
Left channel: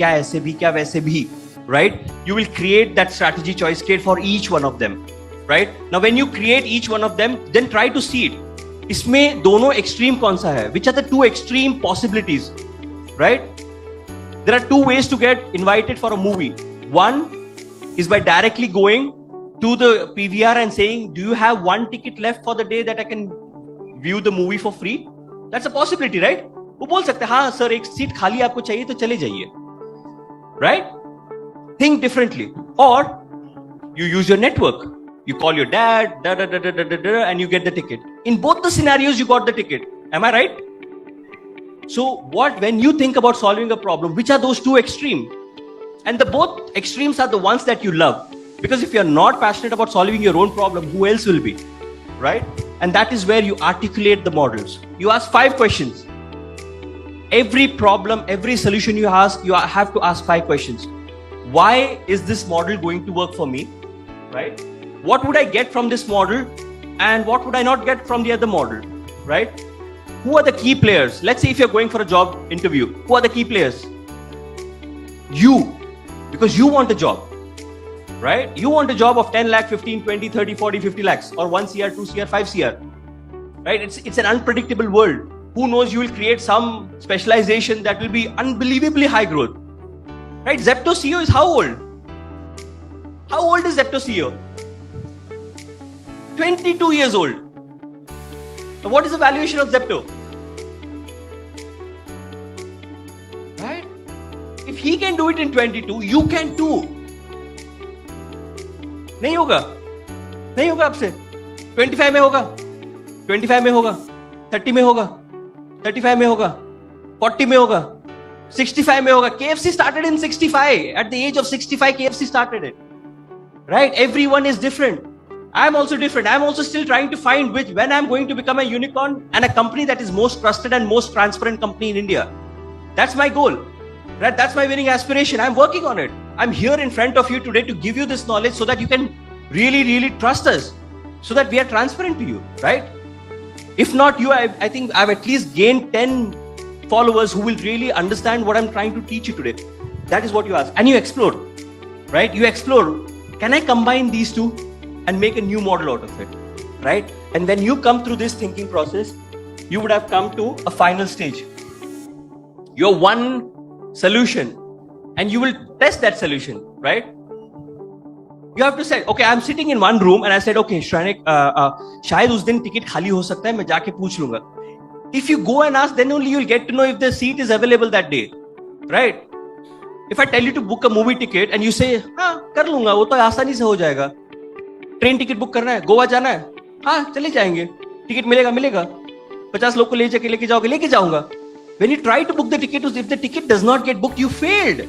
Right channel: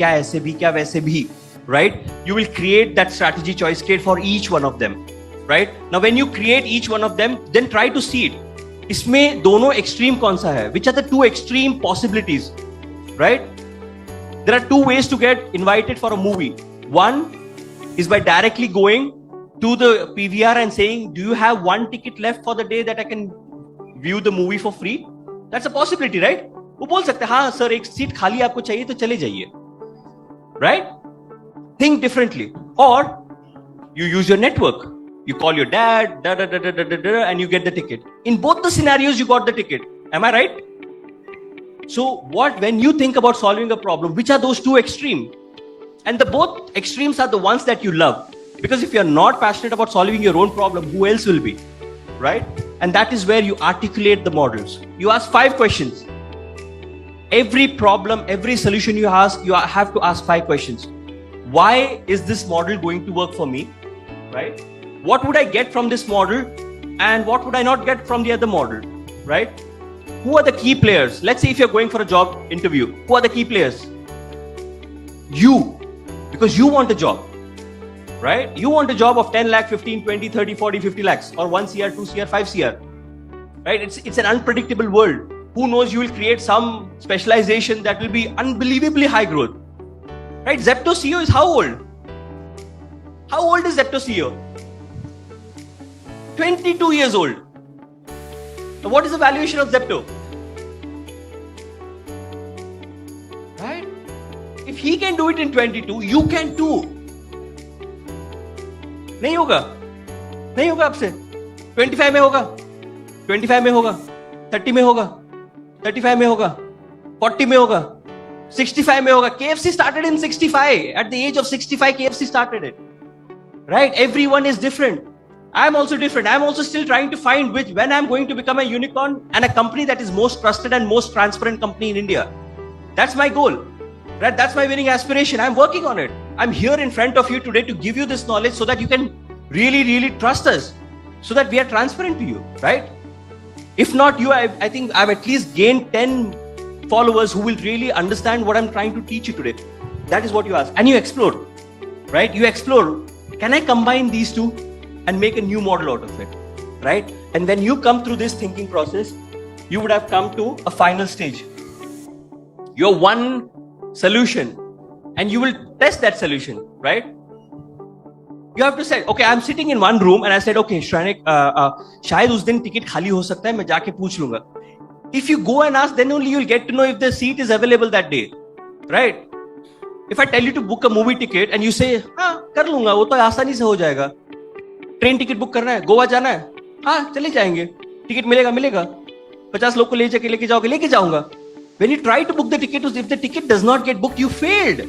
भी, क्या वैसे भी, right? You will create that strategy choice kit for each one of them, right? Now, when you create each one of them, then try to see it. इसमें दोनों extreme कौन सा है? Which are the two extreme possibilities, right? There are two ways to get invited for a movie. One is by directly going to the PVR and saying, do you have one ticket left for the day that I can view the movie for free? That's a possibility, right? वो बोल सकते हैं, हाँ sir एक seat खाली आपको चाहिए तो चले जाइए, right? Think differently. Or you use your network. You call your dad, and you get the ticket. In both the scenarios, you got the ticket. Am I right? So, when you think about solving a problem, which are those two extremes? And the both extremes are the ones that you love. Because if you're not passionate about solving your own problem, who else will be? Right? And that is where you articulate the models. You ask 5 questions. Every problem, every solution you ask, you have to ask 5 questions. Why is this model going to work for me? Right? What would I get from this model? And what would I not get from the other model? Right? Who are the key players? Let's say if you're going for a job interview, who are the key players? You. Because you want a job. Right? You want a job of 10 lakh, 15, 20, 30, 40, 50 lakhs or 1 CR, 2 CR, 5 CR. Right? It's an unpredictable world. Who knows, you will create some specialization that will be unbelievably high growth. Right? Zepto CEO is how old? How old is Zepto CEO? 22 years old. So what is the valuation of Zepto? Right? If he can do it in 22, you can too. नहीं होगा आपसे. 25 में होगा, 25 में होगा, 30 में होगा, 35 में होगा, 40 में होगा, 65 में होगा. KFC started in 65. At the age of 65, KFC started it. Right? Everyone is different. I'm also different. I'm also still trying to find when I'm going to become a unicorn and a company that is most trusted and most transparent company in India. That's my goal. Right? That's my winning aspiration. I'm working on it. I'm here in front of you today to give you this knowledge so that you can really trust us. So that we are transparent to you. Right? If not you, I think I've at least gained 10 followers who will really understand what I'm trying to teach you today. That is what you ask. And you explore. Right? You explore. Can I combine these two and make a new model out of it? Right? And when you come through this thinking process, you would have come to a final stage. Your one solution. And you will test that solution. Right? You have to say, okay, I'm sitting in one room and I said, okay, Shrenik, शायद उस दिन ticket खाली हो सकता है, मैं जाके पूछ लूँगा. If you go and ask, then only you'll get to know if the seat is available that day. Right? If I tell you to book a movie ticket and you say, हाँ कर लूँगा, वो तो आसानी से हो जाएगा. Train ticket book करना है, गोवा जाना है, हाँ चले जाएंगे. टिकट मिलेगा. 50 लोग को लेके जाऊंगा. When you try to book the ticket, if the ticket does not get booked, you failed.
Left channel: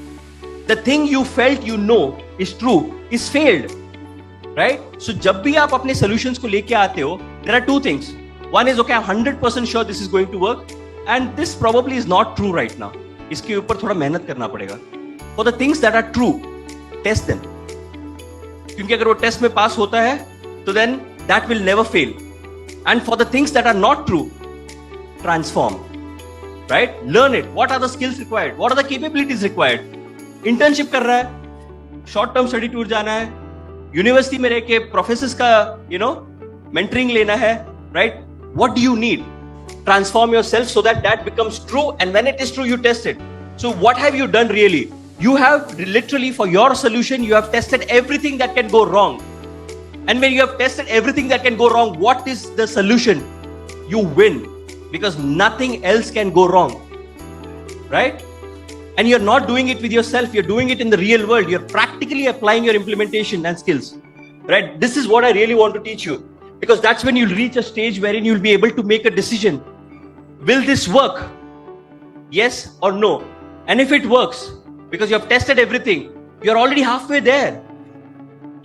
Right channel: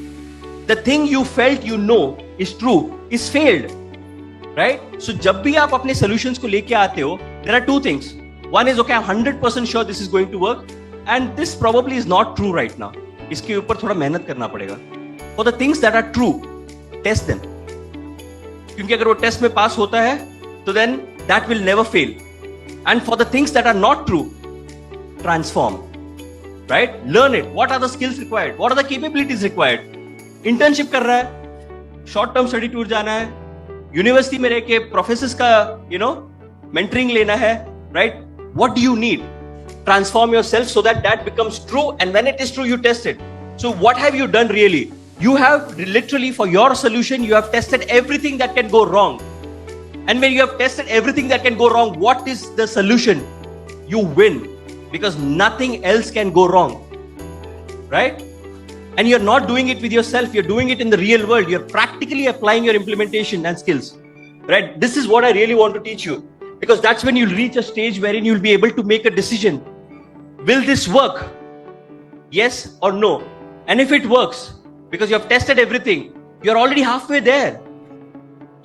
The thing you felt you know is true is failed. Right? So जब भी आप अपने solutions को लेके आते हो, there are two things. One is, okay, I'm 100% sure this is going to work, and this probably is not true right now. इसके ऊपर थोड़ा मेहनत करना पड़ेगा. For the things that are true, test them. क्योंकि अगर वो टेस्ट में पास होता है, तो then that will never fail. And for the things that are not true, transform. Right? Learn it. What are the skills required? What are the capabilities required? Internship कर रहा है, short term study tour जाना है, university में रह के professors का mentoring लेना है, right? What do you need? Transform yourself so that becomes true, and when it is true, you test it. So what have you done really? You have literally, for your solution, you have tested everything that can go wrong. And when you have tested everything that can go wrong, what is the solution? You win, because nothing else can go wrong. Right? And you're not doing it with yourself, you're doing it in the real world. You're practically applying your implementation and skills. Right? This is what I really want to teach you. Because that's when you'll reach a stage wherein you'll be able to make a decision. Will this work? Yes or no? And if it works, because you have tested everything, you're already halfway there.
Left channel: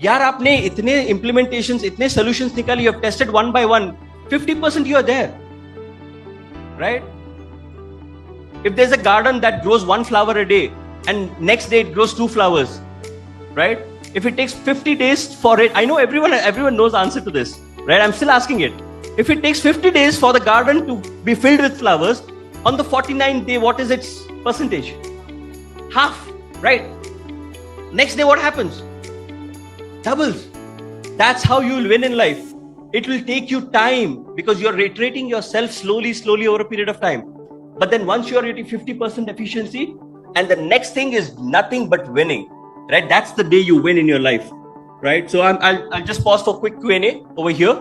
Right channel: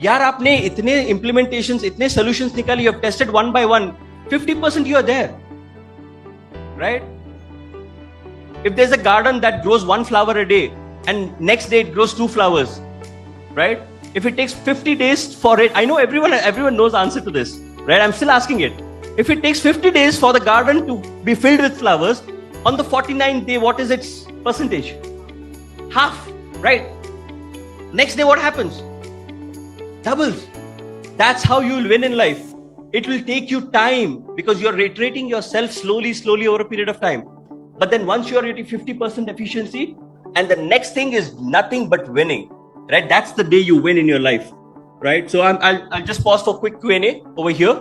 यार आपने इतने implementations, इतने solutions निकाले, you have tested one by one, 50% you are there. Right? If there's a garden that grows one flower a day and next day it grows 2 flowers, right? If it takes 50 days for it, I know everyone knows the answer to this, right? I'm still asking it. If it takes 50 days for the garden to be filled with flowers, on the 49th day, what is its percentage? Half, right? Next day, what happens? Doubles. That's how you will win in life. It will take you time because you're reiterating yourself slowly over a period of time. But then once you're at 50% efficiency, and the next thing is nothing but winning, right? That's the day you win in your life, right? So I'll just pause for quick Q&A over here,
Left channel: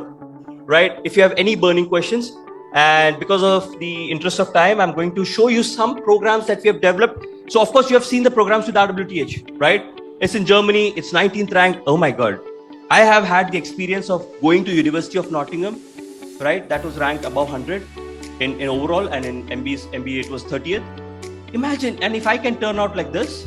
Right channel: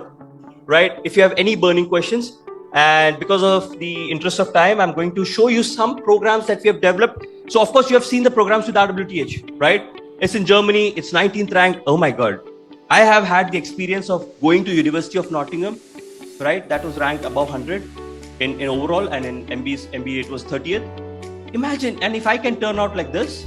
right? If you have any burning questions, and because of the interest of time, I'm going to show you some programs that we have developed. So of course you have seen the programs with RWTH, right? It's in Germany, it's 19th ranked. Oh my God. I have had the experience of going to University of Nottingham, right? That was ranked above 100 in overall, and in MBA it was 30th. Imagine, and if I can turn out like this,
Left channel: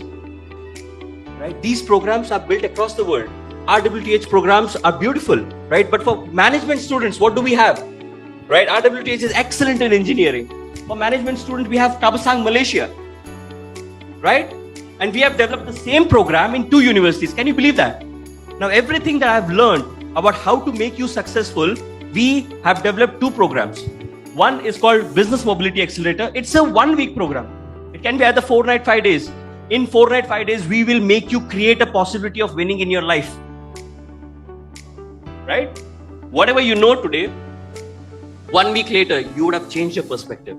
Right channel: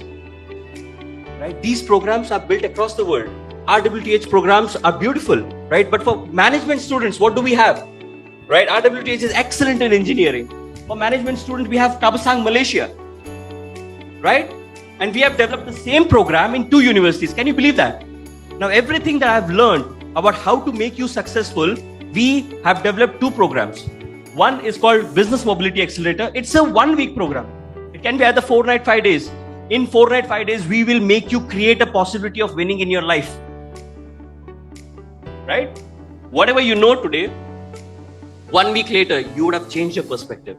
right? These programs are built across the world. RWTH programs are beautiful, right? But for management students, what do we have? Right? RWTH is excellent in engineering. For management students, we have Tabasang, Malaysia, right? And we have developed the same program in 2 universities. Can you believe that? Now, everything that I've learned about how to make you successful, we have developed 2 programs. One is called Business Mobility Accelerator. It's a 1-week program. It can be either 4 nights, 5 days. In 4 nights, 5 days, we will make you create a possibility of winning in your life. Right? Whatever you know today, 1 week later, you would have changed your perspective.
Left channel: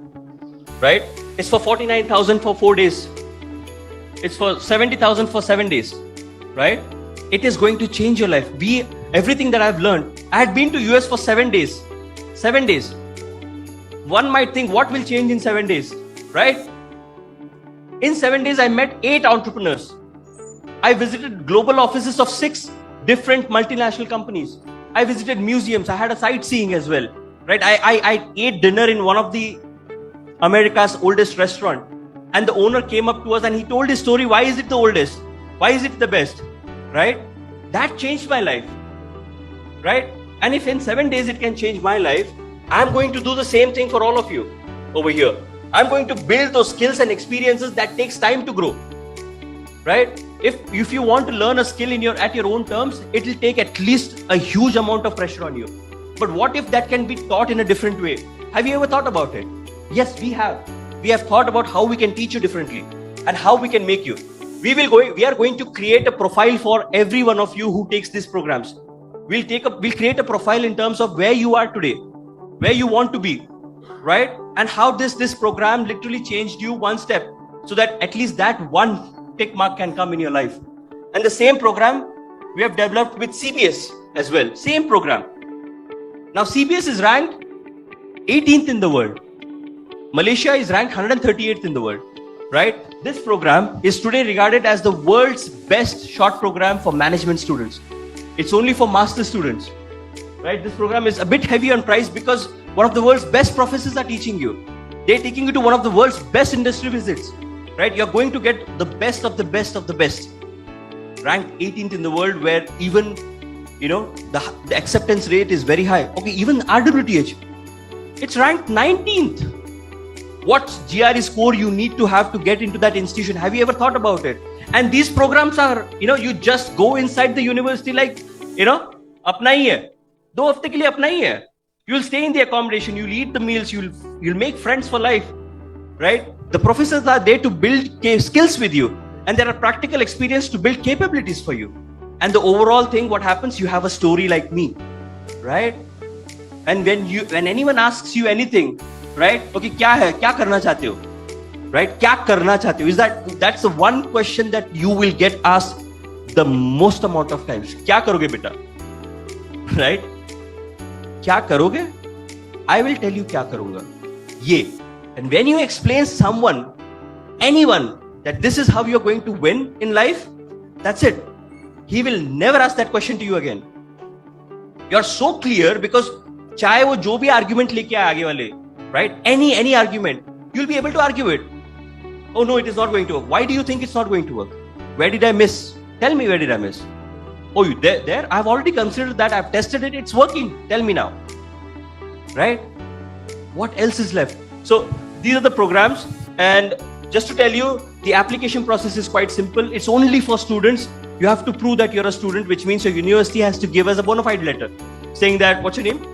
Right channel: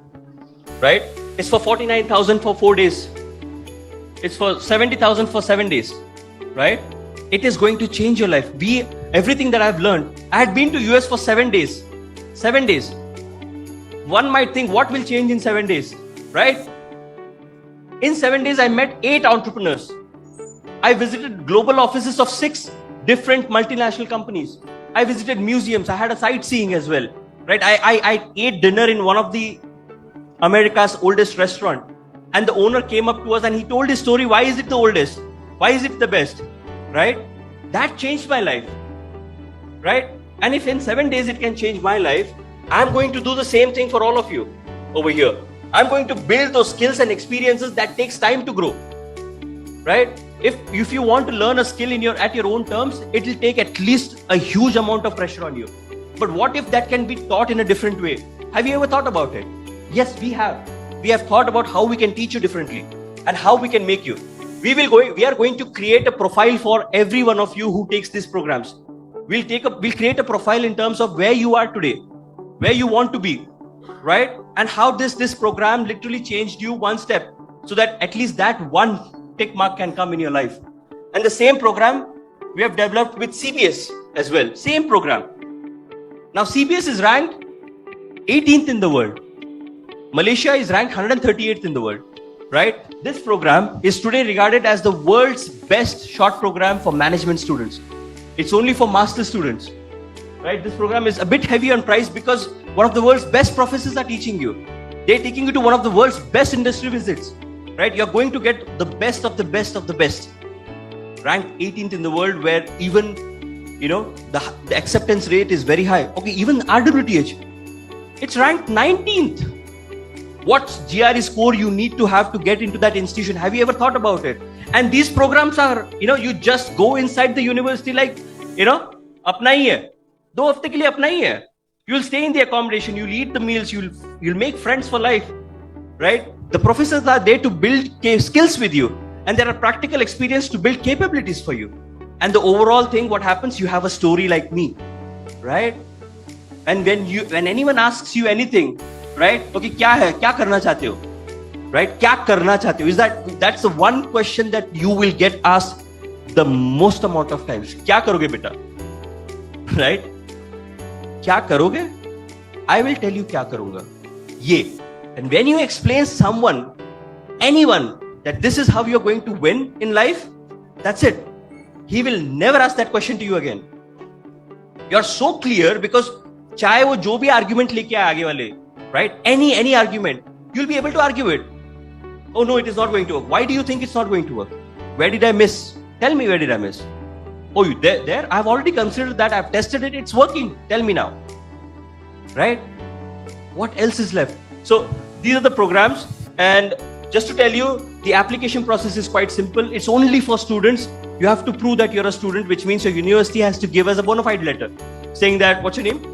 Right? It's for 49,000 for 4 days. It's for 70,000 for 7 days. Right? It is going to change your life. Everything that I've learned, I had been to US for 7 days. 7 days. One might think, what will change in 7 days? Right? In 7 days, I met 8 entrepreneurs. I visited global offices of 6 different multinational companies. I visited museums. I had a sightseeing as well. Right? I ate dinner in one of the America's oldest restaurant. and the owner came up to us and he told his story. Why is it the oldest? Why is it the best? Right? That changed my life. Right? And if in 7 days it can change my life, I'm going to do the same thing for all of you over here. I'm going to build those skills and experiences that takes time to grow. Right? If you want to learn a skill at your own terms, it will take at least a huge amount of pressure on you. But what if that can be taught in a different way? Have you ever thought about it? Yes, we have. We have thought about how we can teach you differently and how we can make you. We are going to create a profile for every one of you who takes these programs. We'll create a profile in terms of where you are today, where you want to be, right? And how this program literally changed you one step, so that at least that one tick mark can come in your life. And the same program we have developed with CBS as well. Same program. Now CBS is ranked 18th in the world. Malaysia is ranked 138th in the world. Right? This program is today regarded as the world's best short program for management students. It's only for master students. Right? This program is a bit heavy on price because one of the world's best professors are teaching you. They're taking you to one of the world's best industry visits. Right? You're going to get the best of the best of the best. Ranked 18th in the world, where even, the acceptance rate is very high. Okay, even RWTH, it's ranked 19th. What GRE score you need to have to get into that institution? Have you ever thought about it? And these programs are, you just go inside the university like, apna hi hai. 2 hafte ke liye apna hi hai. You'll stay in the accommodation, you'll eat the meals, you'll make friends for life. Right? The professors are there to build skills with you. And there are practical experience to build capabilities for you. And the overall thing, what happens, you have a story like me. Right? And when anyone asks you anything, right? Okay, kya karna chahte ho? Right? Kya karna chahte ho? That's the one question that you will get asked the most amount of times. Kya karoge beta? Right? Kya karoge? I will tell you kya karunga. Ye. And when you explain anyone, that this is how you're going to win in life, that's it. He will never ask that question to you again. You're so clear because चाहे वो जो भी argument लेके आए आगे वाले, right? Any argument, you'll be able to argue it. Oh no, it is not going to work. Why do you think it's not going to work? Where did I miss? Tell me, where did I miss? Oh, there? I've already considered that. I've tested it. It's working. Tell me now. Right? What else is left? So these are the programs, and just to tell you, the application process is quite simple. It's only for students. You have to prove that you're a student, which means your university has to give us a bona fide letter saying that, what's your name?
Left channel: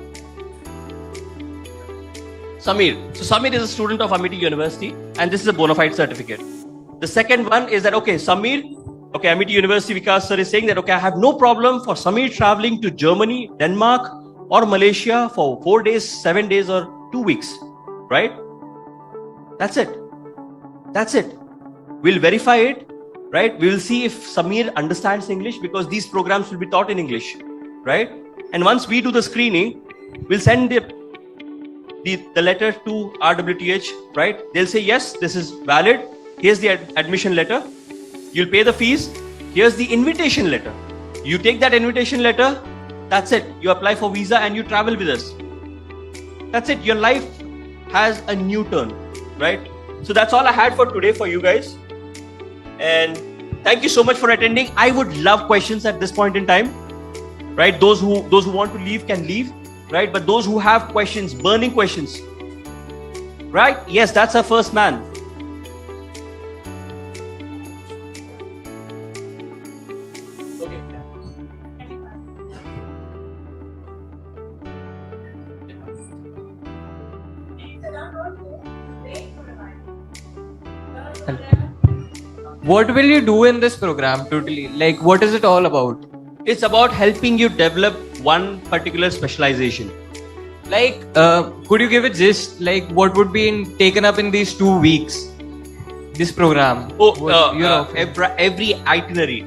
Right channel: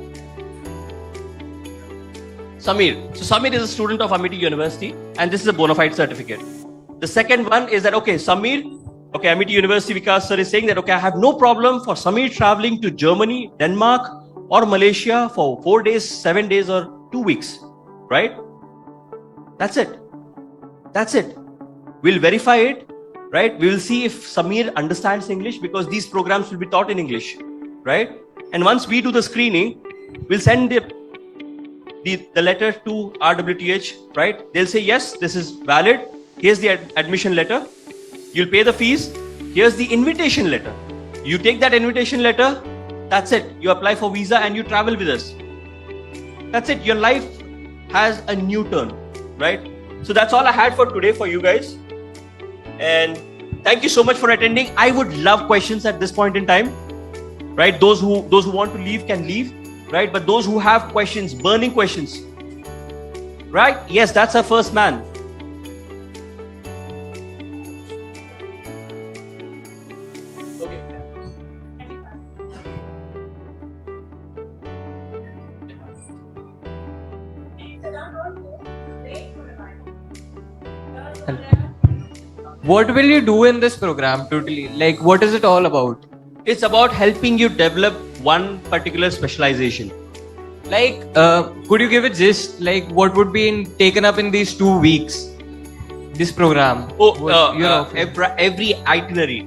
Samir. So Samir is a student of Amity University, and this is a bona fide certificate. The second one is that, Amity University Vikas sir is saying that, I have no problem for Samir traveling to Germany, Denmark or Malaysia for 4 days, 7 days or 2 weeks. Right? That's it. We'll verify it. Right? We will see if Samir understands English, because these programs will be taught in English. Right? And once we do the screening, we'll send the letter to RWTH, right? They'll say, yes, this is valid. Here's the admission letter. You'll pay the fees. Here's the invitation letter. You take that invitation letter, that's it. You apply for visa and you travel with us. That's it. Your life has a new turn, right? So that's all I had for today for you guys. And thank you so much for attending. I would love questions at this point in time, right? Those who want to leave can leave. Right, but those who have questions, burning questions, right? Yes, that's our first man. What will you do in this program totally? Like, what is it all about? It's about helping you develop one particular specialization. Like, could you give it just like what would be taken up in these 2 weeks? This program. Every itinerary,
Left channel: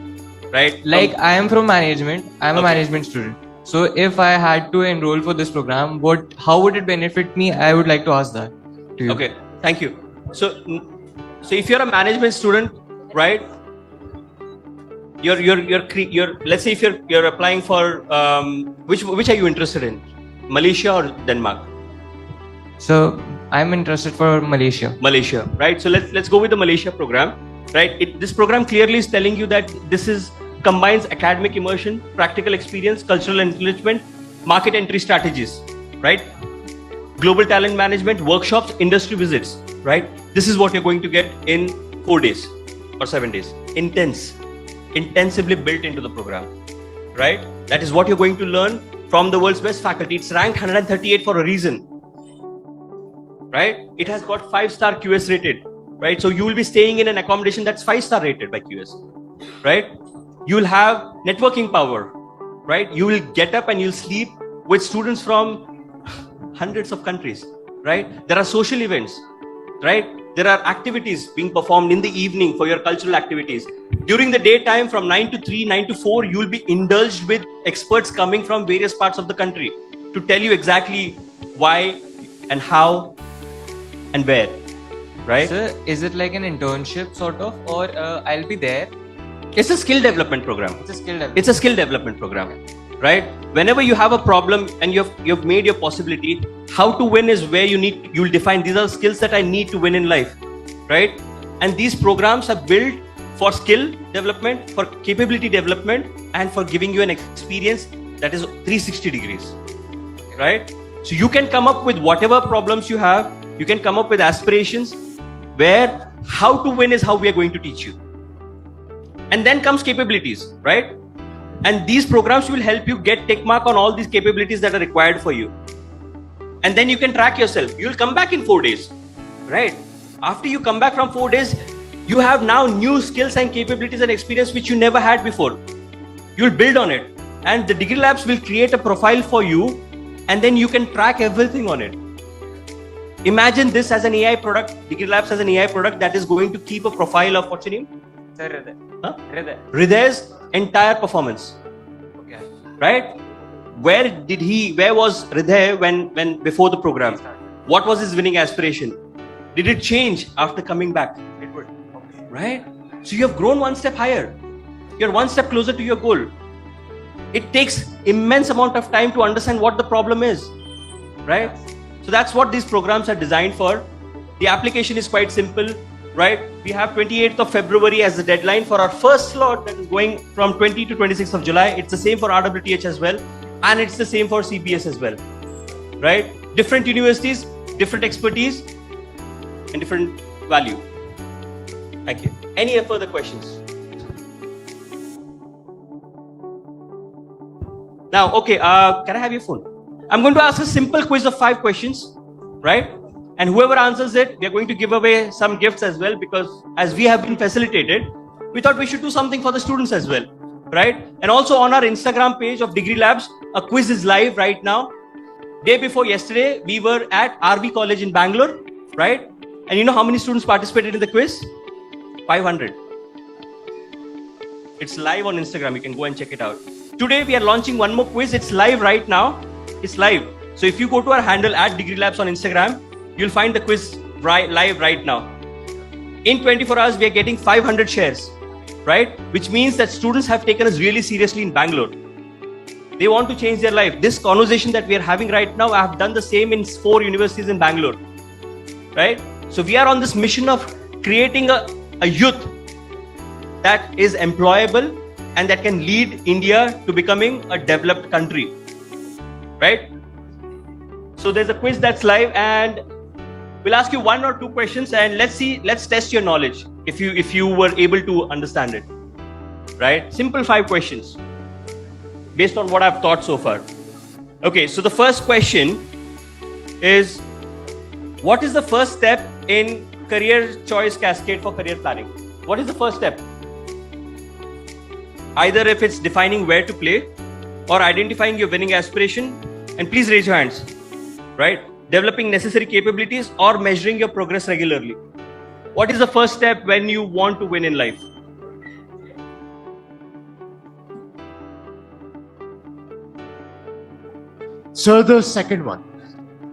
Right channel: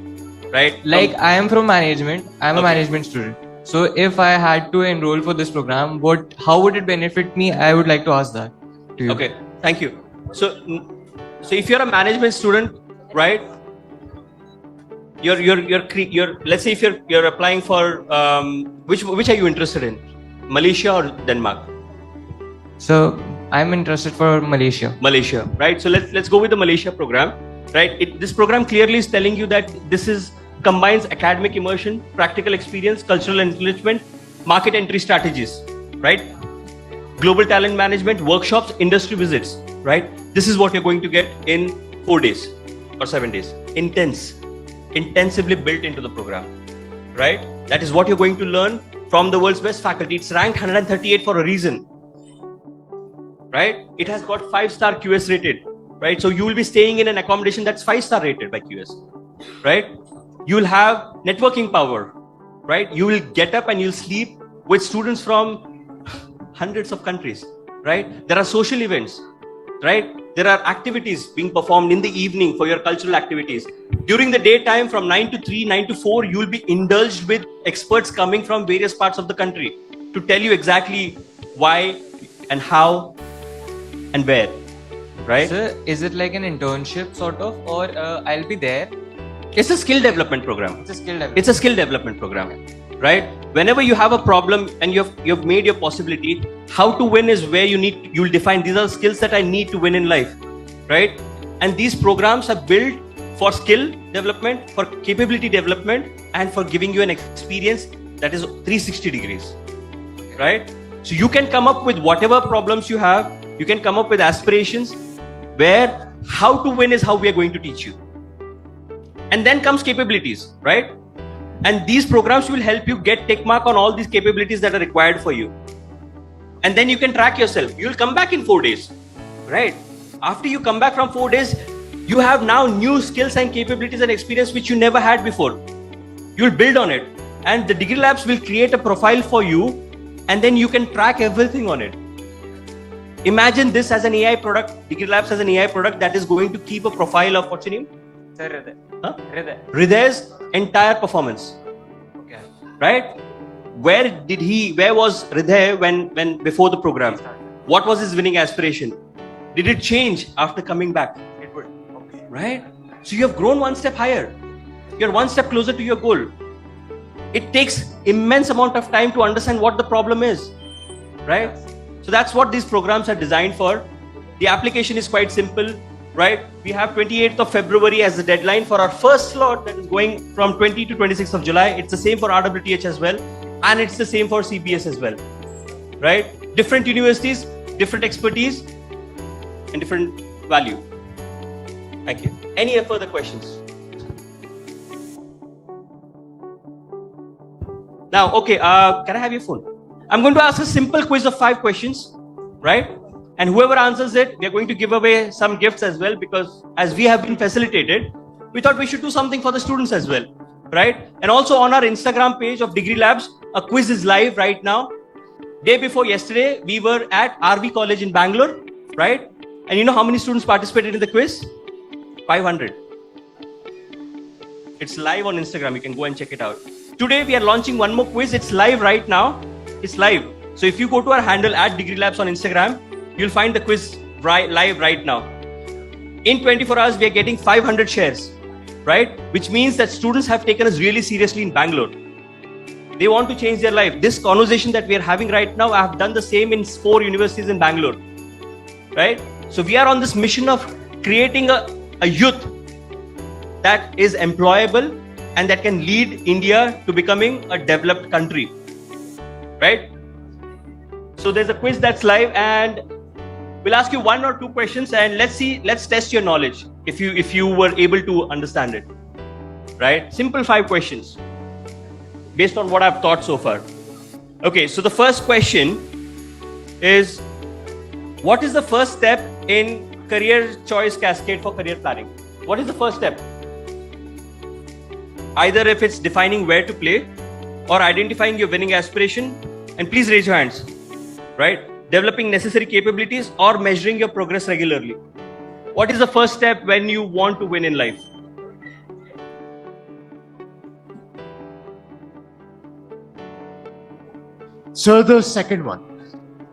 right? Like, I am from management. I am a management student. So, if I had to enroll for this program, how would it benefit me? I would like to ask that. Okay, thank you. So if you're a management student, right? You're let's say if you're applying for which are you interested in, Malaysia or Denmark? So I'm interested for Malaysia. Malaysia, right? So let's go with the Malaysia program, right? This program clearly is telling you that this is combines academic immersion, practical experience, cultural enrichment, market entry strategies, right? Global talent management, workshops, industry visits, right? This is what you're going to get in 4 days or 7 days. Intensively built into the program, right? That is what you're going to learn from the world's best faculty. It's ranked 138 for a reason, right? It has got 5-star QS rated, right? So you will be staying in an accommodation that's 5-star rated by QS, right? You will have networking power, right? You will get up and you'll sleep with students from hundreds of countries, right? There are social events, right? There are activities being performed in the evening for your cultural activities. During the daytime from 9 to 3, 9 to 4, you will be indulged with experts coming from various parts of the country to tell you exactly why and how and where, right? Sir, is it like an internship sort of, or I'll be there? It's a skill development program. It's a skill Development program, right? Whenever you have a problem and you've made your possibility, how to win is where you'll define these are skills that I need to win in life, right? And these programs are built for skill development, for capability development, and for giving you an experience that is 360 degrees, right? So you can come up with whatever problems you have. You can come up with aspirations where how to win is how we are going to teach you. And then comes capabilities, right? And these programs will help you get tick mark on all these capabilities that are required for you. And then you can track yourself. You'll come back in 4 days, right? After you come back from 4 days, you have now new skills and capabilities and experience which you never had before. You'll build on it. And the Degree Labs will create a profile for you, and then you can track everything on it. Imagine this as an AI product, Degree Labs as an AI product that is going to keep a profile of what's your name? Huh? Hriday's entire performance. Okay. Right? Where was Hriday when before the program? What was his winning aspiration? Did it change after coming back? It would. Okay. Right? So you have grown one step higher. You're one step closer to your goal. It takes immense amount of time to understand what the problem is. Right? So that's what these programs are designed for. The application is quite simple. Right? We have 28th of February as the deadline for our first slot that is going from 20 to 26th of July. It's the same for RWTH as well. And it's the same for CPS as well. Right? Different universities, different expertise, and different value. Thank you. Any further questions? Now, okay, can I have your phone? I'm going to ask a simple quiz of 5 questions, right? And whoever answers it, we are going to give away some gifts as well, because as we have been facilitated, we thought we should do something for the students as well, right? And also on our Instagram page of Degree Labs, a quiz is live right now. Day before yesterday, we were at RV College in Bangalore, right? And you know how many students participated in the quiz? 500. It's live on Instagram. You can go and check it out. Today we are launching one more quiz. It's live right now. It's live. So if you go to our handle at Degree Labs on Instagram, you'll find the quiz live right now. In 24 hours, we are getting 500 shares, right? Which means that students have taken us really seriously in Bangalore. They want to change their life. This conversation that we are having right now, I have done the same in 4 universities in Bangalore, right? So we are on this mission of creating a youth that is employable and that can lead India to becoming a developed country, right? So there's a quiz that's live, and we'll ask you 1 or 2 questions, and let's test your knowledge if you were able to understand it, right? Simple 5 questions based on what I've taught so far. Okay, so the first question is, what is the first step in career choice cascade for career planning? What is the first step? Either if it's defining where to play or identifying your winning aspiration, and please raise your hands, right? Developing necessary capabilities or measuring your progress regularly. What is the first step when you want to win in life? So the second one.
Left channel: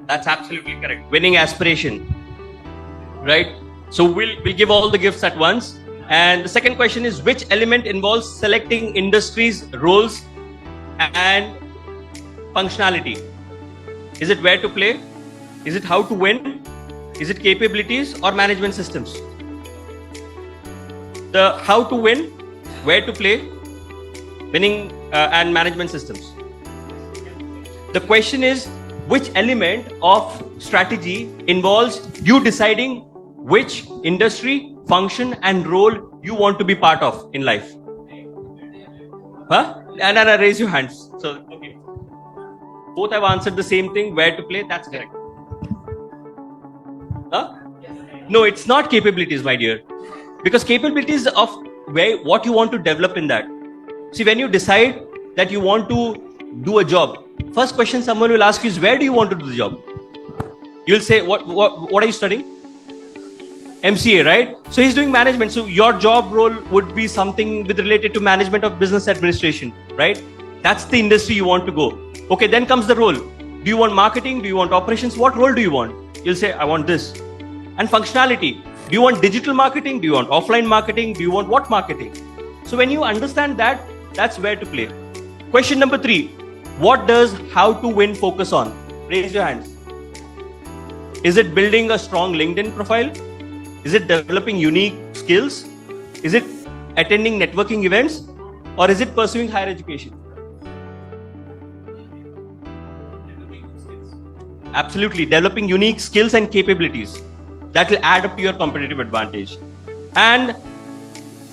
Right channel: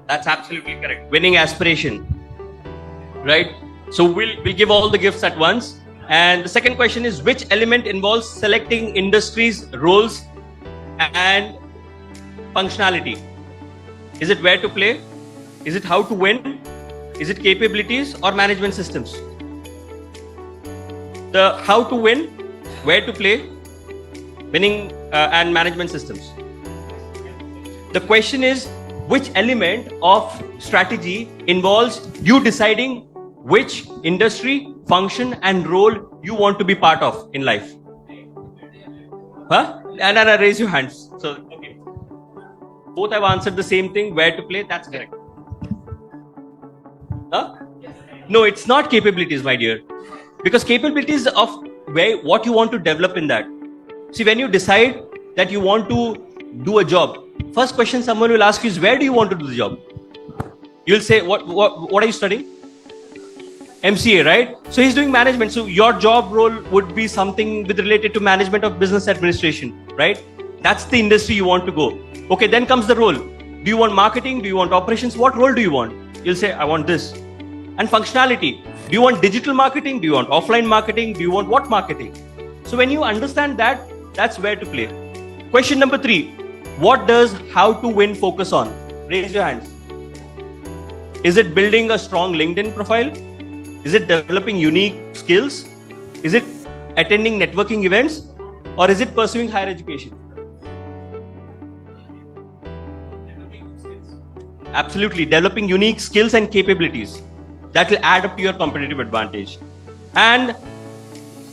That's absolutely correct. Winning aspiration, right? So we'll give all the gifts at once. And the second question is, which element involves selecting industries, roles, and functionality? Is it where to play? Is it how to win? Is it capabilities or management systems? The how to win, where to play, winning and management systems. The question is, which element of strategy involves you deciding which industry, function and role you want to be part of in life? Huh? And raise your hands. So, okay. Both have answered the same thing, where to play, that's correct. Huh? No, it's not capabilities, my dear. Because capabilities of what you want to develop in that. See, when you decide that you want to do a job, first question someone will ask is, where do you want to do the job? You'll say, what are you studying? MCA, right? So he's doing management. So your job role would be something with related to management of business administration, right? That's the industry you want to go. Okay, then comes the role. Do you want marketing? Do you want operations? What role do you want? You'll say, I want this. And functionality. Do you want digital marketing? Do you want offline marketing? Do you want what marketing? So when you understand that, that's where to play. Question number 3. What does how to win focus on? Raise your hand. Is it building a strong LinkedIn profile? Is it developing unique skills? Is it attending networking events? Or is it pursuing higher education? Absolutely. Developing unique skills and capabilities. That will add up to your competitive advantage. And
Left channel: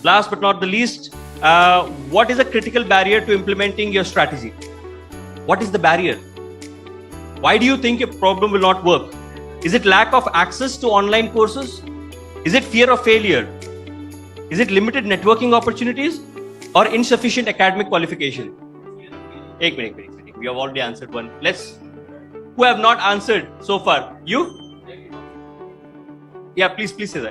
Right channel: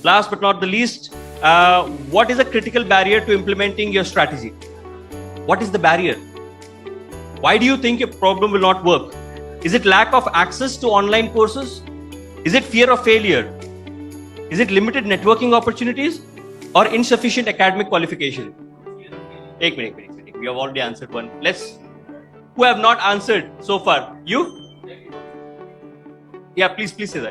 last but not the least, what is a critical barrier to implementing your strategy? What is the barrier? Why do you think a problem will not work? Is it lack of access to online courses? Is it fear of failure? Is it limited networking opportunities? Or insufficient academic qualification? Take. You have already answered one. Who have not answered so far? You? Yeah, please, Susan.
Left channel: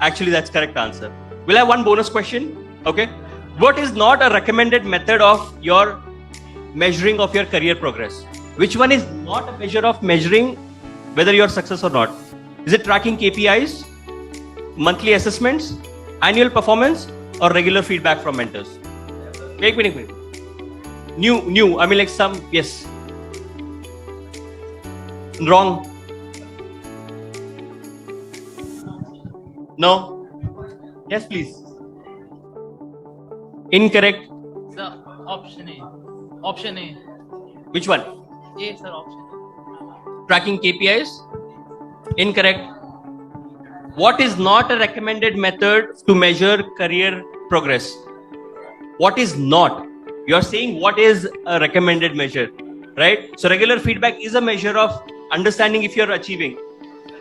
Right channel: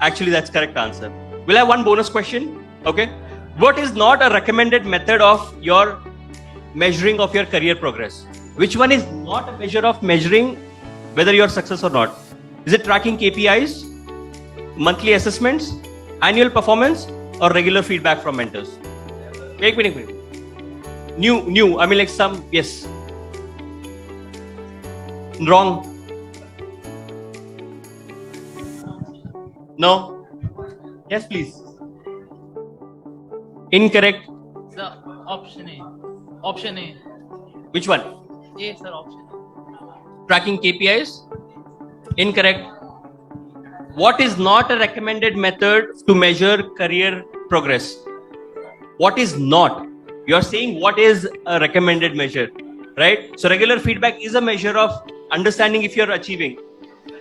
Actually, that's correct answer. We'll have one bonus question. Okay. What is not a recommended method of your measuring of your career progress? Which one is not a measure of measuring whether you're success or not? Is it tracking KPIs, monthly assessments, annual performance, or regular feedback from mentors? Wait. New. I mean, like some, yes. Wrong. No. Yes, please. Incorrect. So, option A. Option A. Which one? A is an option. Tracking KPIs? Incorrect. What is not a recommended method to measure career progress? What is not? You're saying what is a recommended measure, right? So regular feedback is a measure of understanding if you're achieving.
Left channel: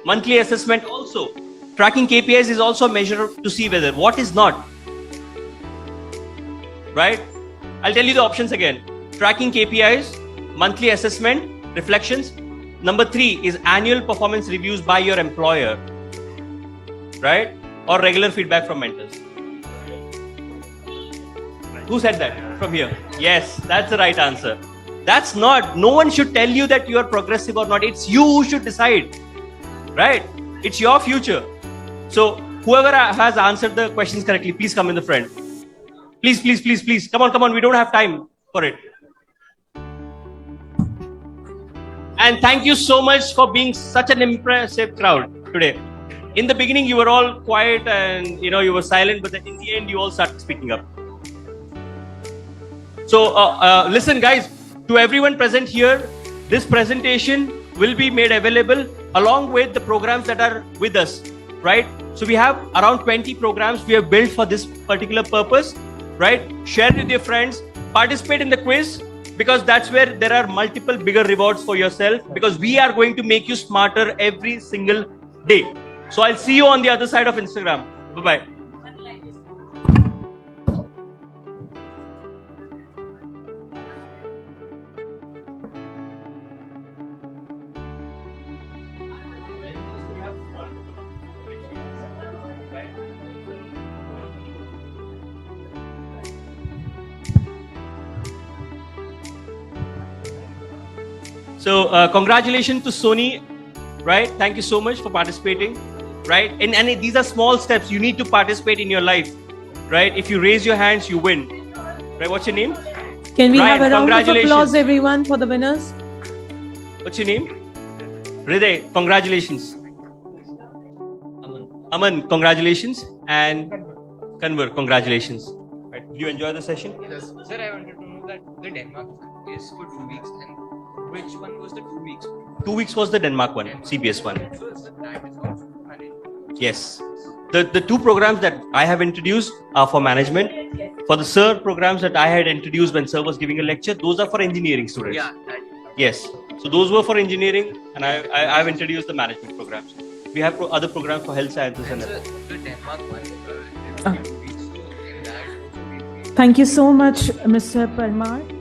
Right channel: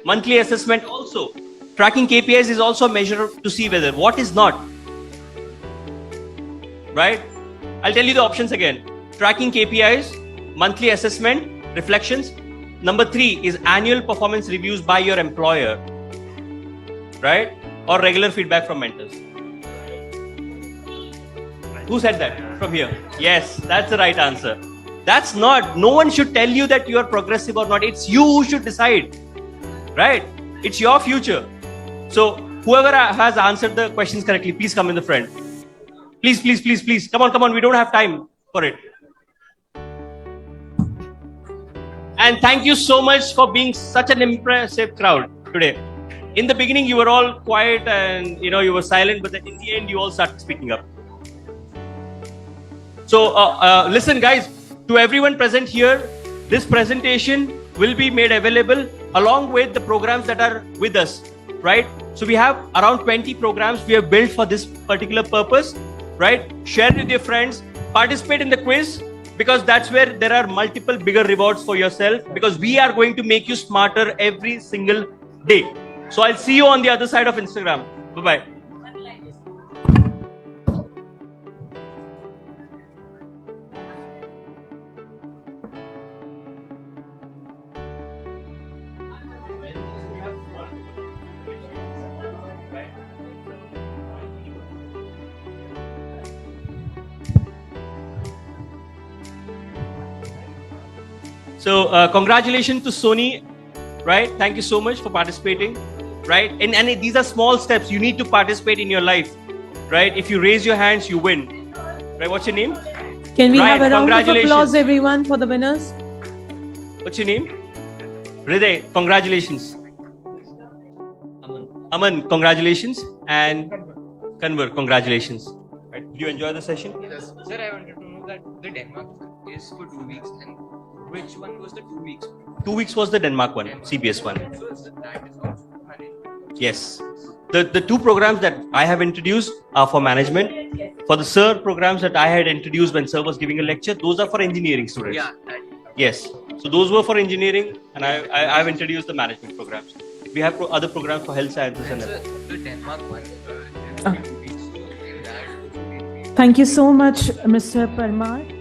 Monthly assessment also. Tracking KPIs is also a measure to see whether. What is not? Right? I'll tell you the options again. Tracking KPIs, monthly assessment, reflections. Number 3 is annual performance reviews by your employer. Right? Or regular feedback from mentors. Who said that? From here. Yes, that's the right answer. That's not. No one should tell you that you are progressive or not. It's you who should decide. Right? It's your future. So, whoever has answered the questions correctly, please come in the front. Please. Come on. We don't have time for it. And thank you so much for being such an impressive crowd today. In the beginning, you were all quiet and you were silent, but then in the end, you all started speaking up. So, listen, guys, to everyone present here, this presentation will be made available along with the programs that are with us, right? So, we have around 20 programs we have built for this particular purpose, right? Share with your friends, participate in the quiz, because that's where there are multiple bigger rewards for yourself, because we are going to make you smarter every single day. So, I'll see you on the other side of Instagram. Bye-bye. So congratulations to Sony, right? Thank you so much for participating, right? And these are small steps. You need to participate in your life, right? If you raise your hands, you win. Right, what's your name? Can we Ryan, have a round of congratulations. applause, everyone, for the winners? What's your name? Hriday, congratulations. Aman, congratulations. And Kanwar, congratulations. Right. Did you enjoy the session? Yes. Sir, I wanted to know that the Denmark is for 2 weeks, and which one was the 2 weeks? 2 weeks was the Denmark one, CBS one. So that is also managed. Yes. The two programs that I have introduced are for management. For the SIR programs that I had introduced when Sir was giving a lecture, those are for engineering students. Yeah. That, Yes. So those were for engineering, and I've introduced the management programs. We have other programs for health sciences. Thank you so much, Mr. Parmar.